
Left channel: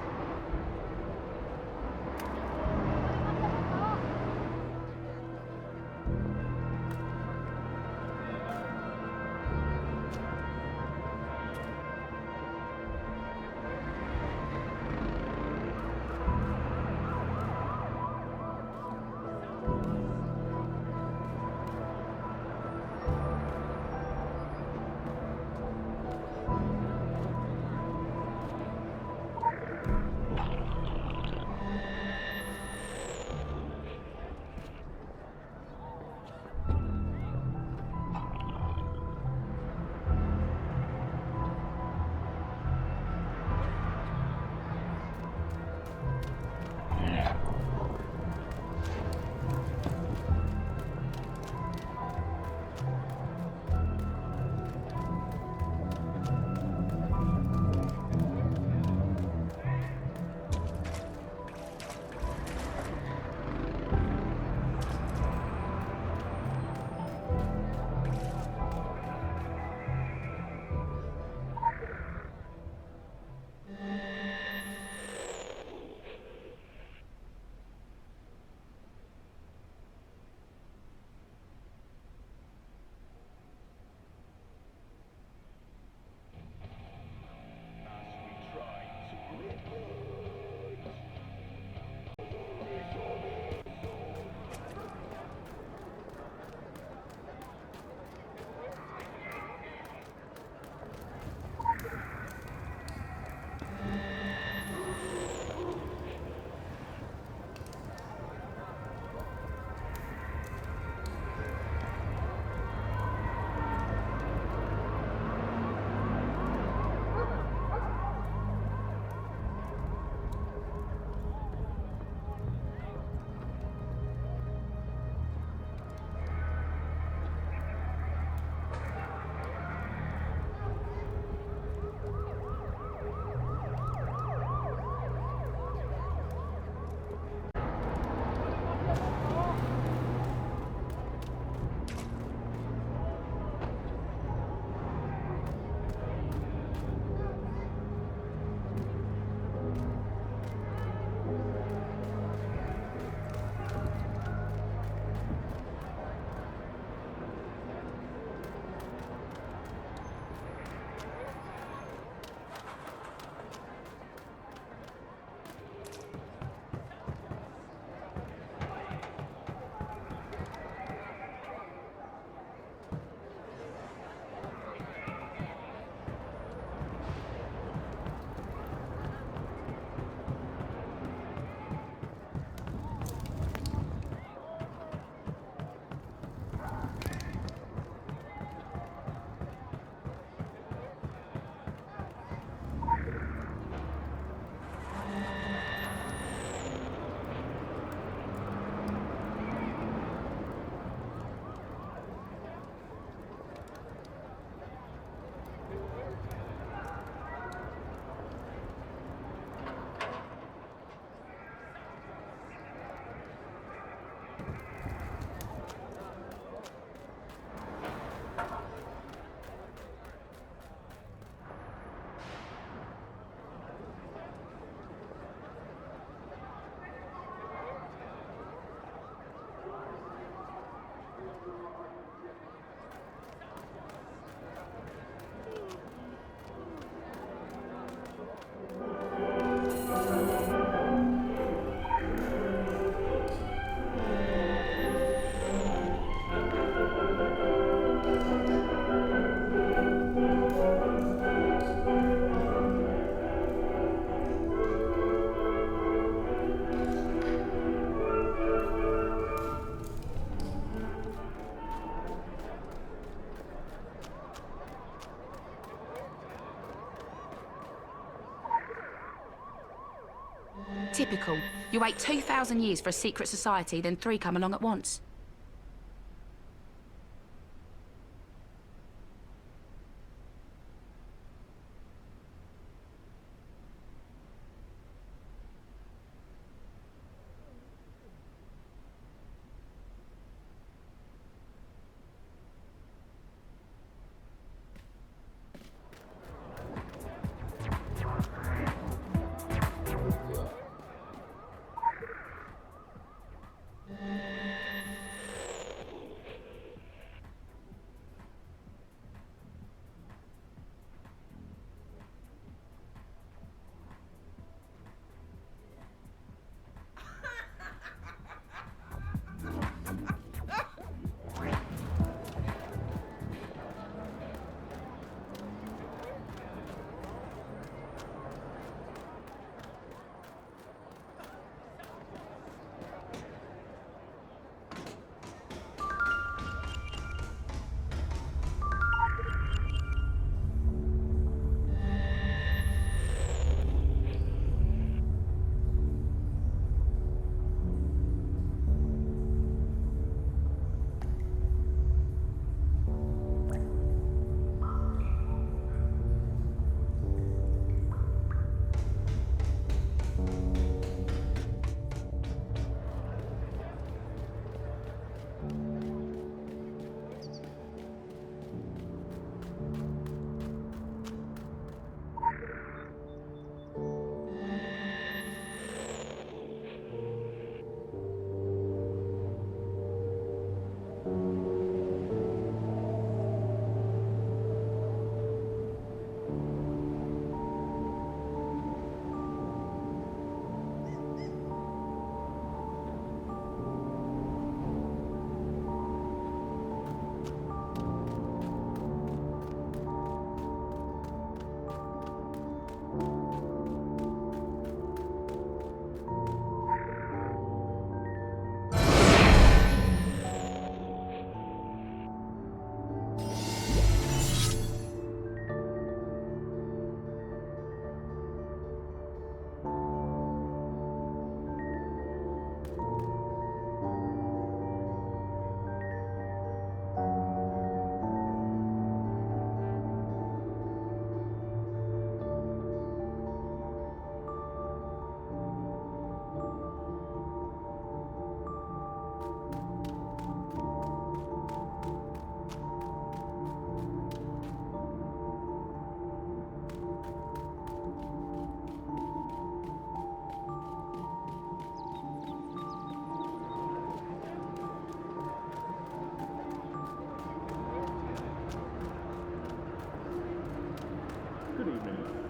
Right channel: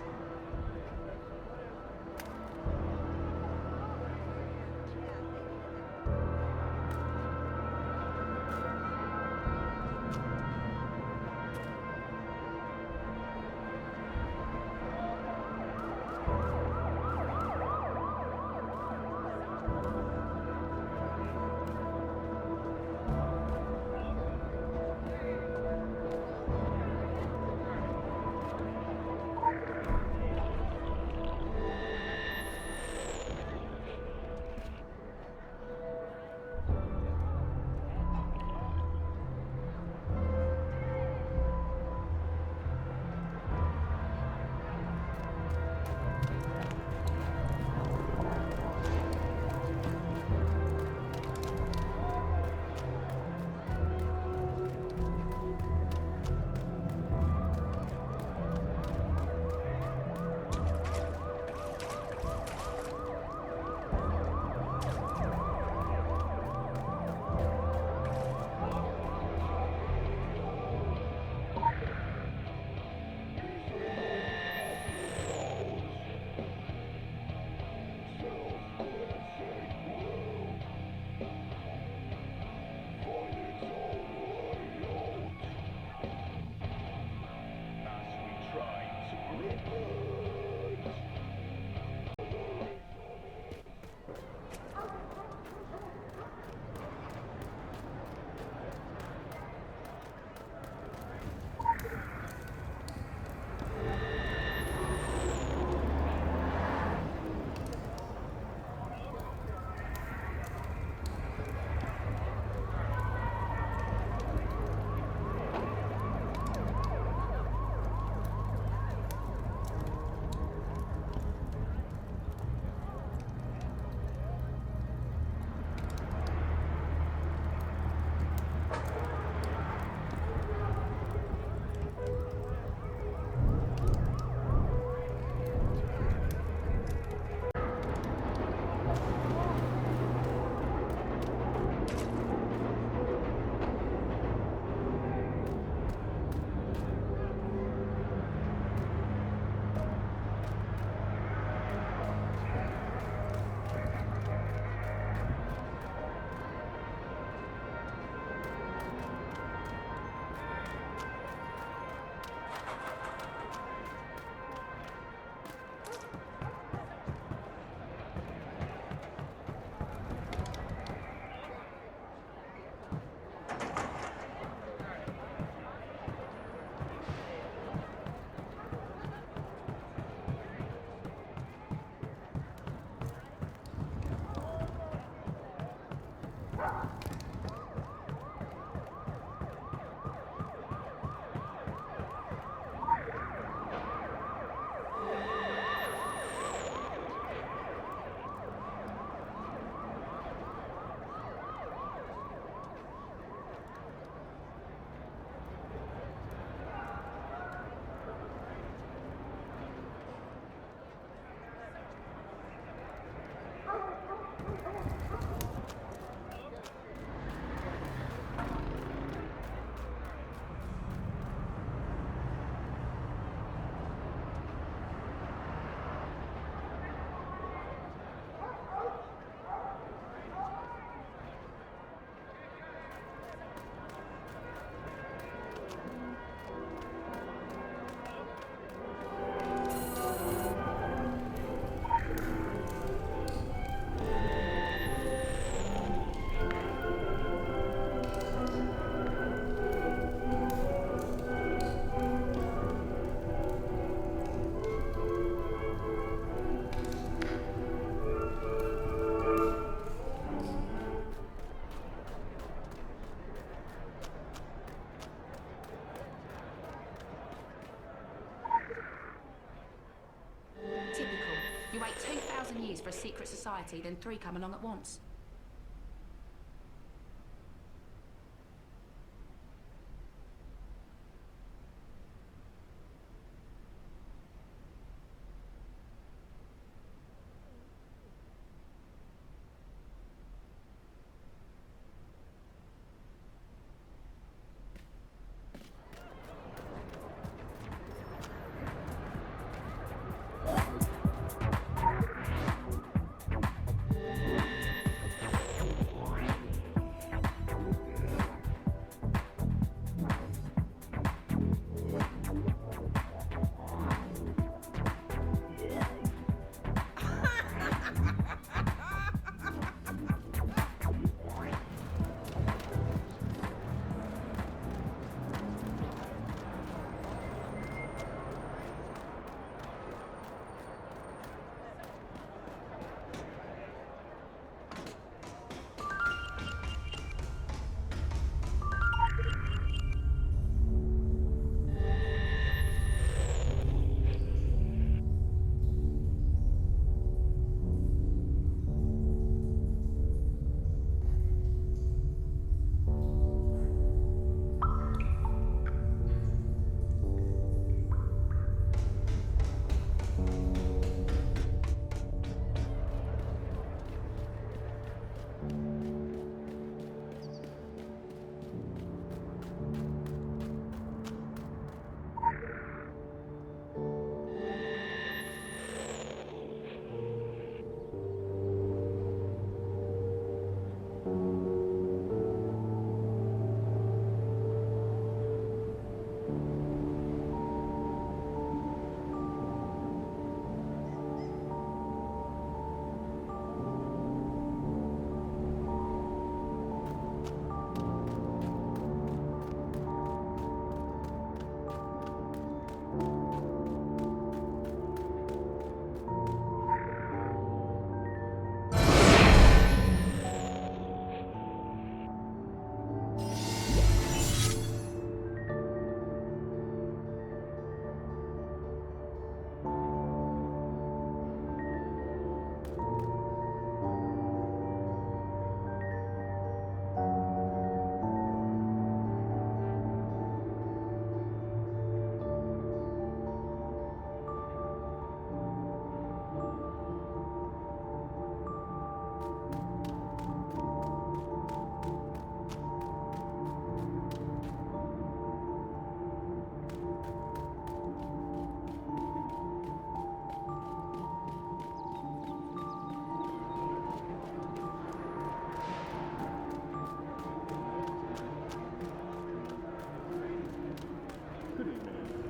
Typical. You wait 2,000 years for a secret society, then 3 come along at once.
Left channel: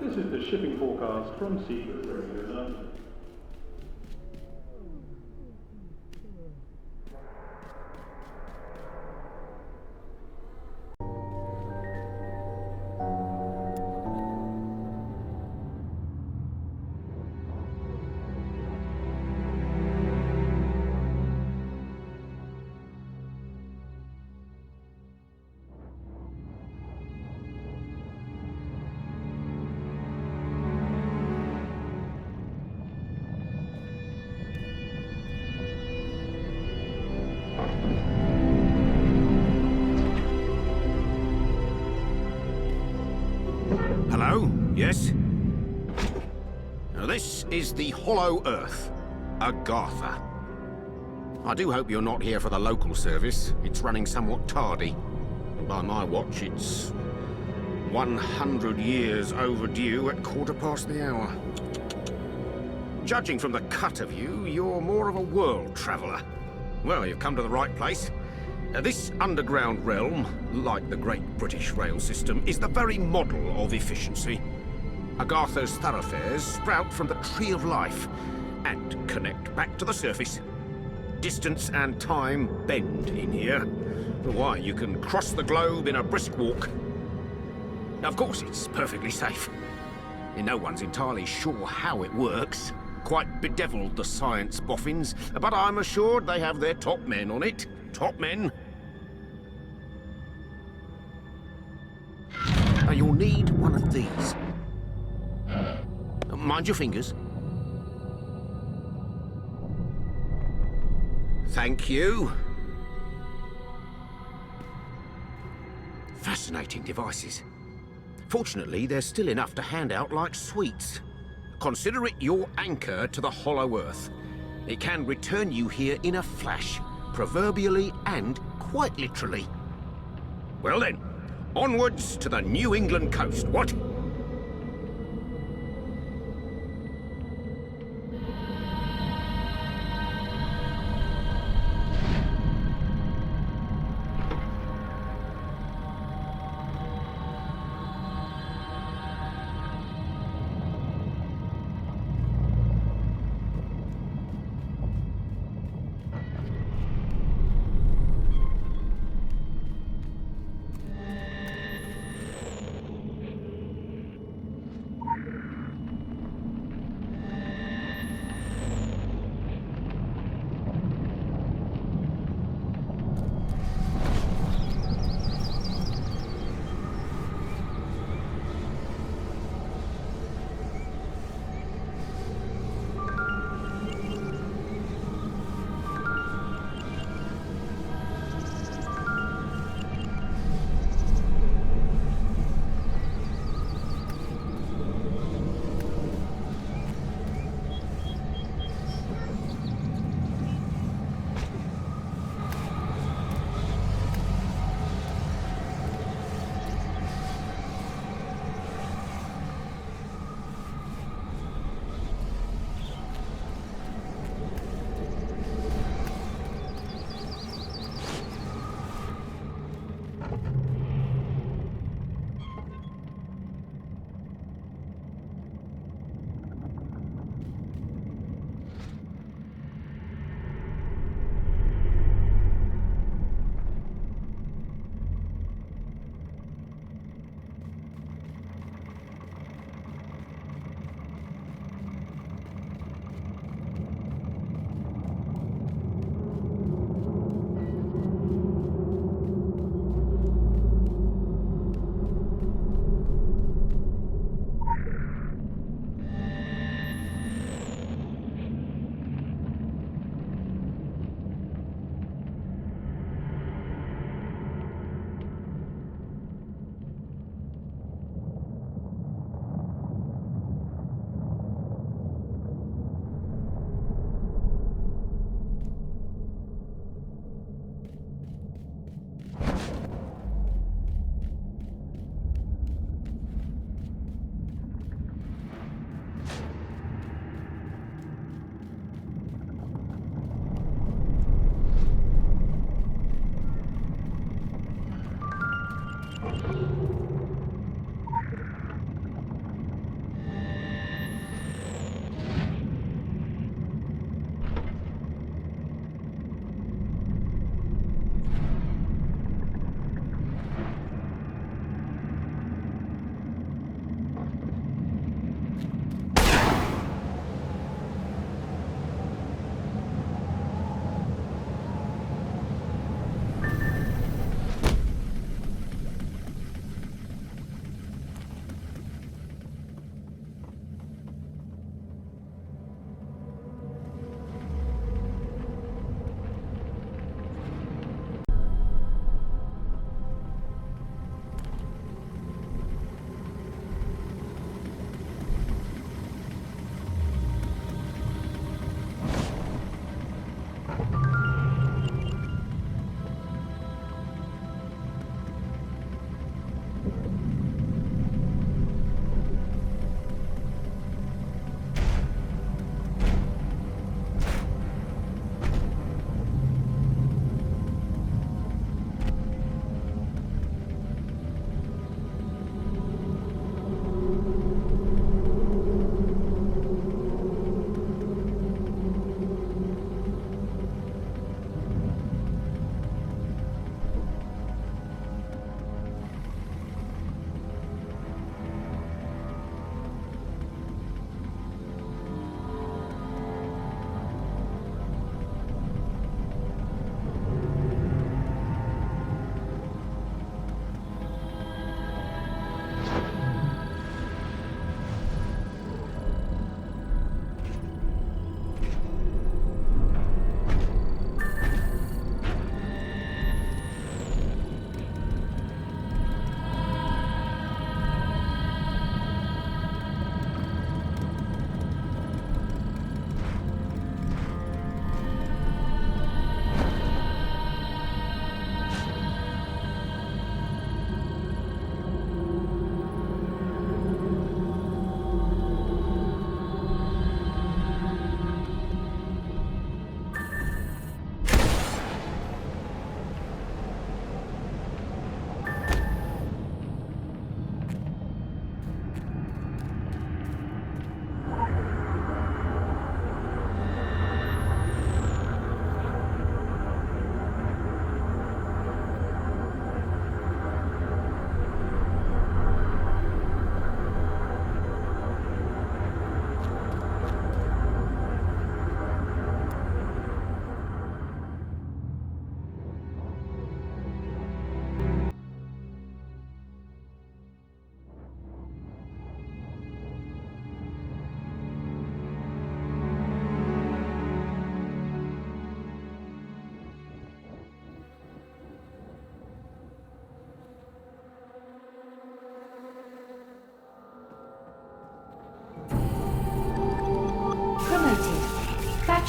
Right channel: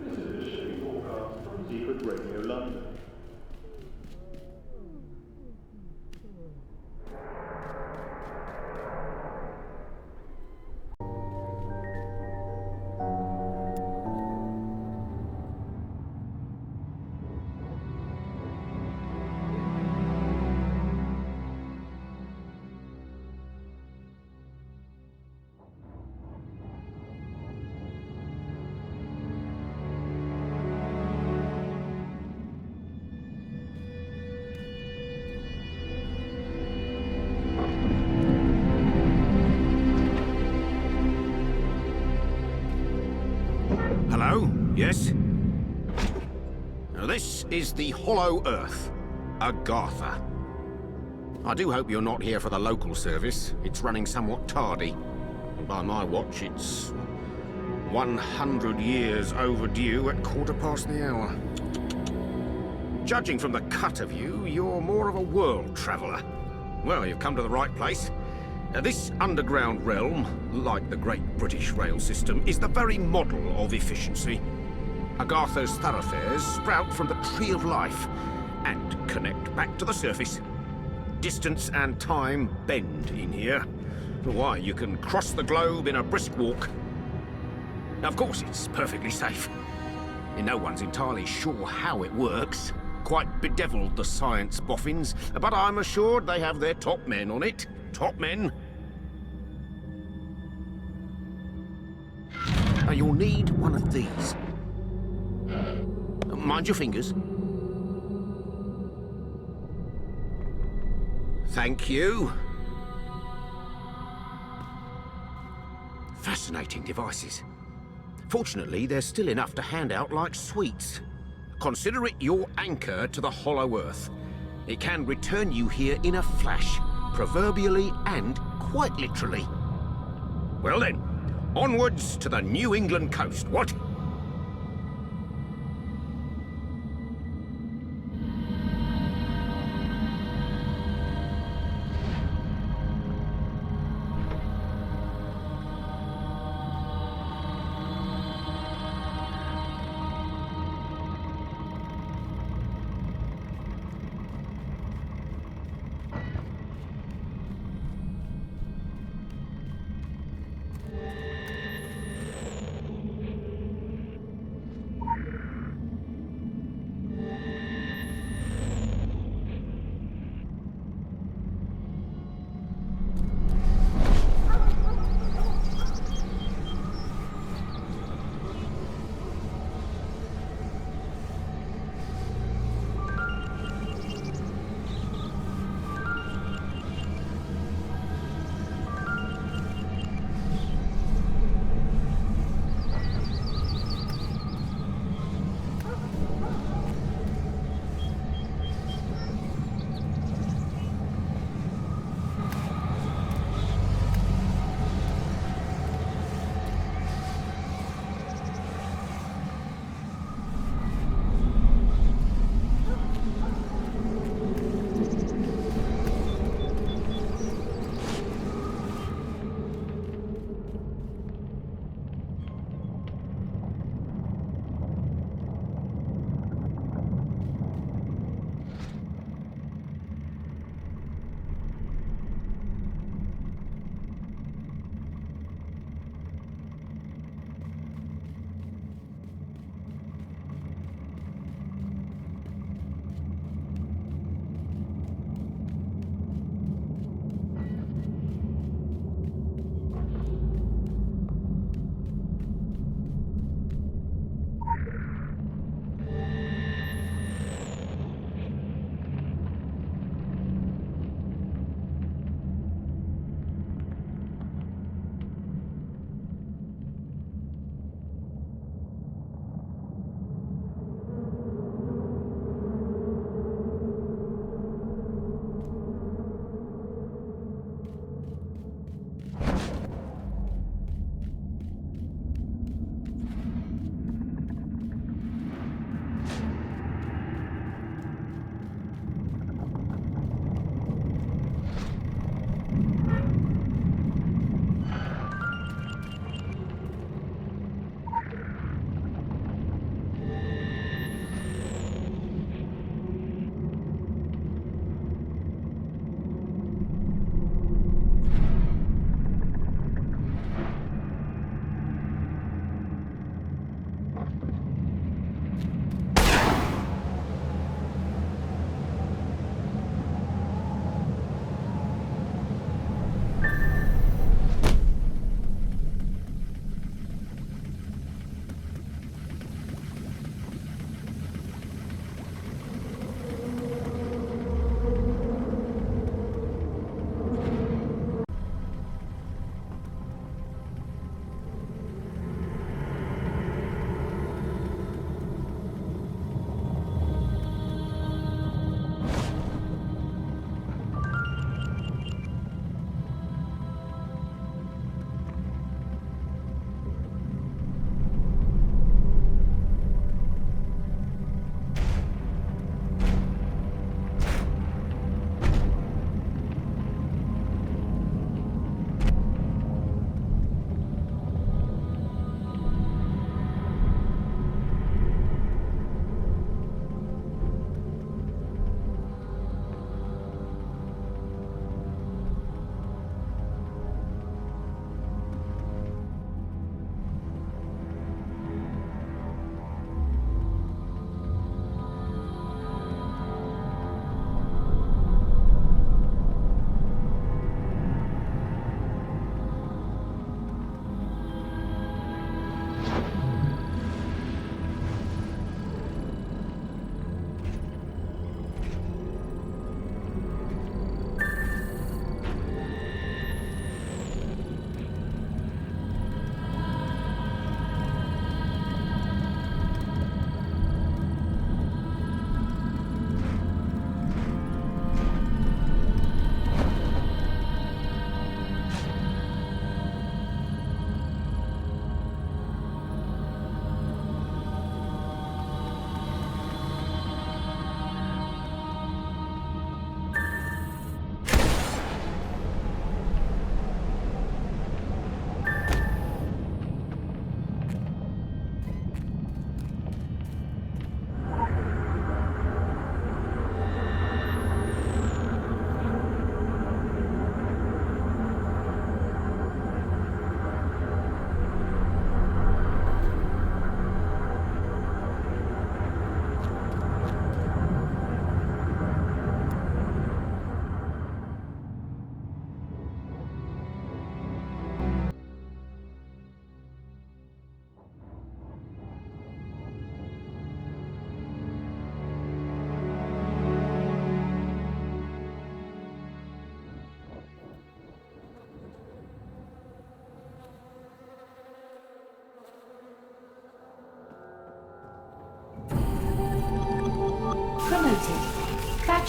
This is the shipping forecast from Secret Radio London. Hello? Yes? Now this is the Hollow Earth, Agartha. I do hope you're not here for the local service. It's running somewhat tardy. And by my watch, it's 100 years overdue at 1/4 the hour. Judging from the cut of you, you're more of a world traveller. Well, you've come to the right place. This underground realm, like the Great British Rail System, is the very model of efficiency. Agartha's thoroughfares sprout from the Tree of Life and connect back to the surface. Distance and time bend in here. Why, you can cross the globe in a brisk walk. Of course, it's perfectly safe. No one's entirely sure how it works. Quite bedeviled, the science boffins, but I'm assured they have their top men on it. Top men. Now you'll need one of these. Mind your fingers. Thank you. Fascinating devices. Fortunately, there's still enough to hand out like sweets. Consider it your anchor to the Hollow Earth. It can return you here in a flash, proverbially and quite literally. Well then, onwards to the New England coast, what?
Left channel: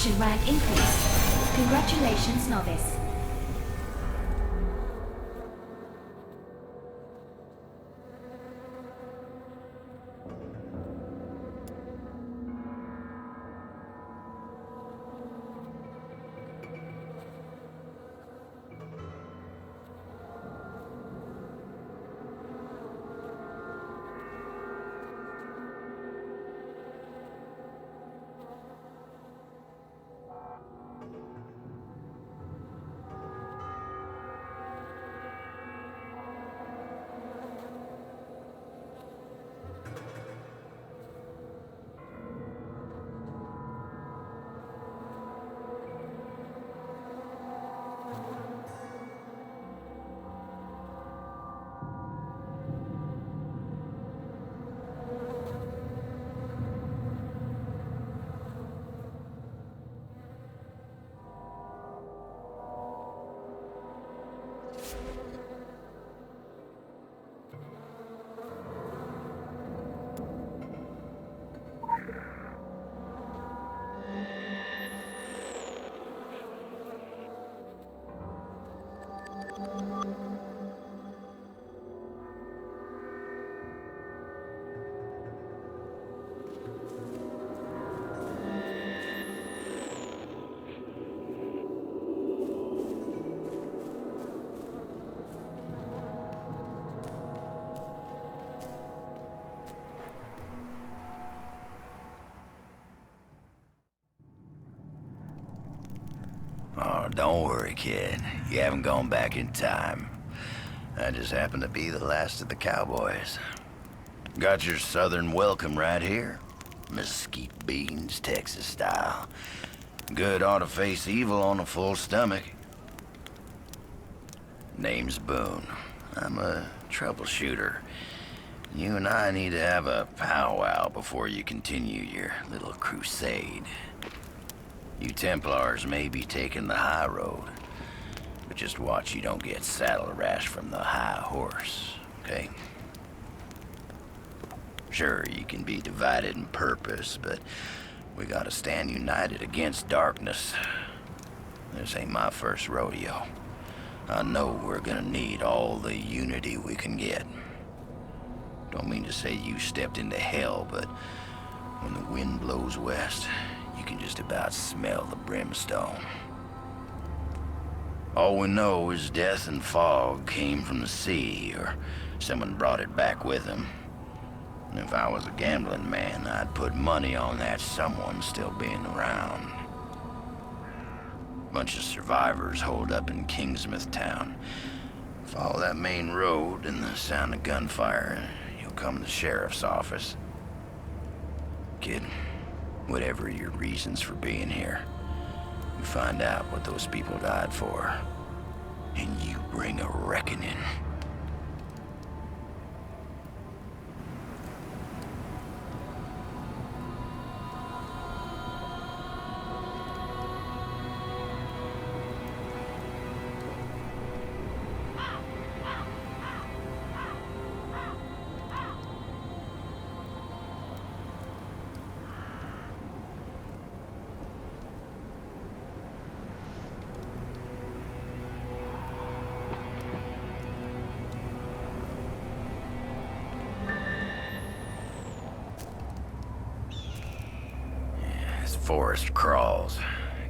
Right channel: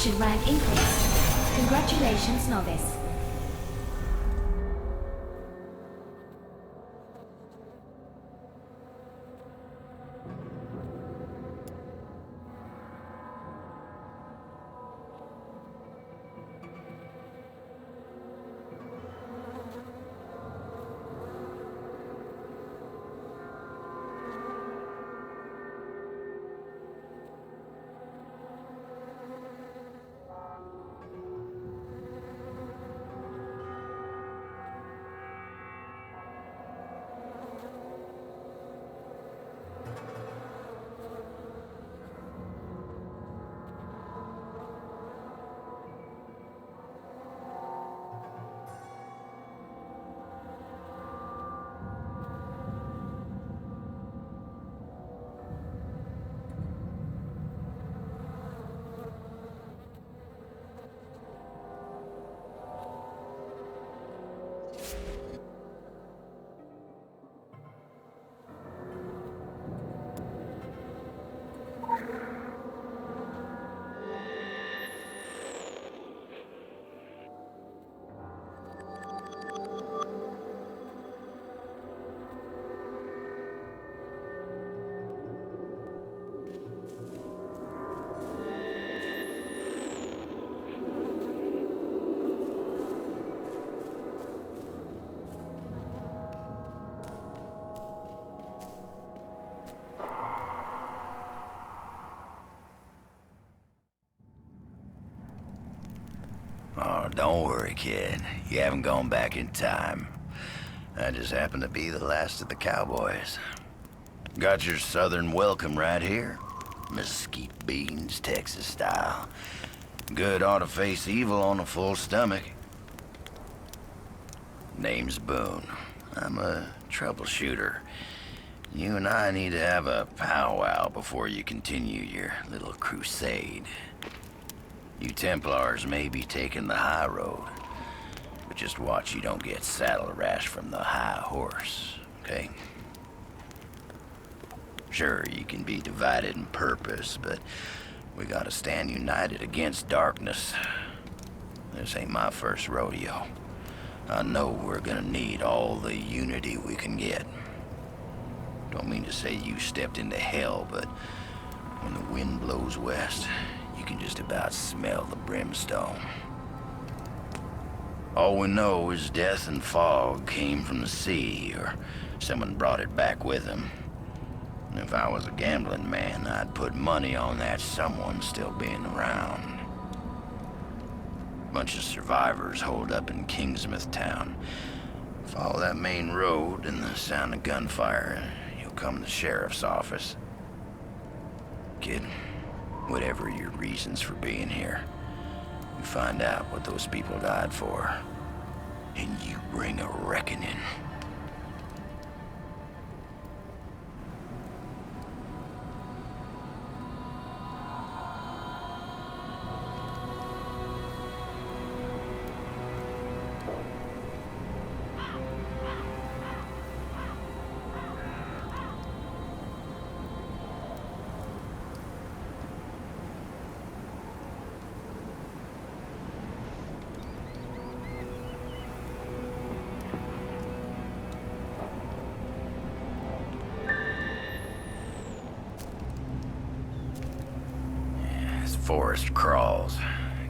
Faction rank increased. Congratulations, novice. Oh, don't worry, kid. You haven't gone back in time. I just happen to be the last of the cowboys. Got your southern welcome right here. Mesquite beans, Texas style. Good ought to face evil on a full stomach. Name's Boone. I'm a troubleshooter. You and I need to have a powwow before you continue your little crusade. You Templars may be taking the high road, but just watch you don't get saddle rash from the high horse, okay? Sure, you can be divided in purpose, but we gotta stand united against darkness. This ain't my first rodeo. I know we're gonna need all the unity we can get. Don't mean to say you stepped into hell, but when the wind blows west, you can just about smell the brimstone. All we know is death and fog came from the sea, or someone brought it back with them. If I was a gambling man, I'd put money on that someone still being around. Bunch of survivors holed up in Kingsmouth town. Follow that main road and the sound of gunfire, you'll come to the sheriff's office. Kid, whatever your reasons for being here, you find out what those people died for, and you bring a reckoning. Forest crawls.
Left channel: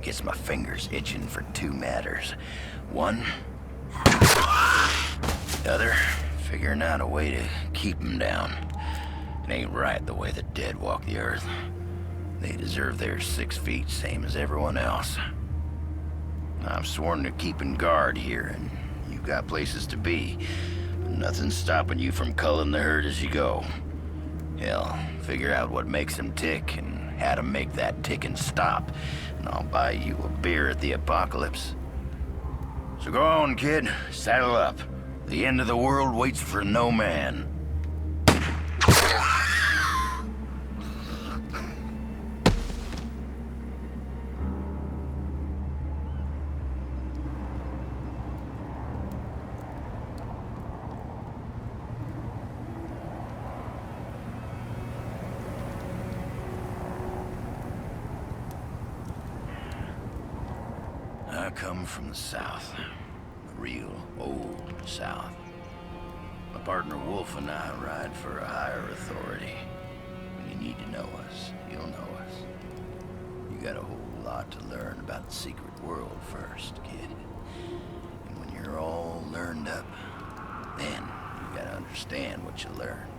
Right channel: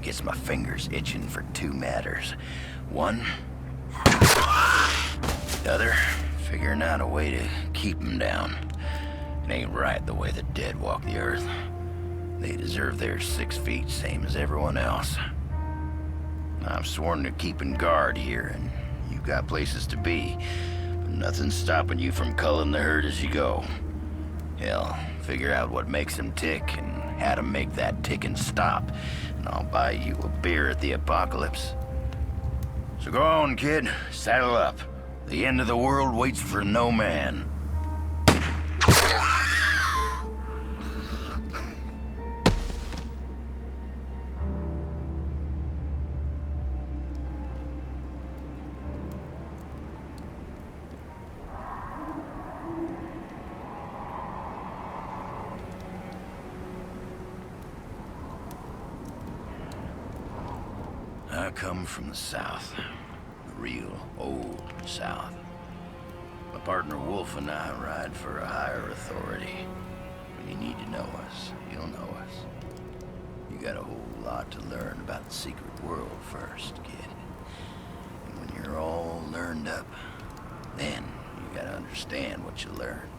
Gets my fingers itching for two matters. One, the other, figuring out a way to keep them down. It ain't right the way the dead walk the earth. They deserve their 6 feet, same as everyone else. I've sworn to keeping guard here, and you've got places to be, but nothing's stopping you from culling the herd as you go. Hell, figure out what makes them tick and how to make that ticking stop, and I'll buy you a beer at the apocalypse. So go on, kid. Saddle up. The end of the world waits for no man. I come from the South. The real old South. My partner Wolf and I ride for a higher authority. When you need to know us, you'll know us. You got a whole lot to learn about the secret world first, kid. And when you're all learned up, then you gotta understand what you learned.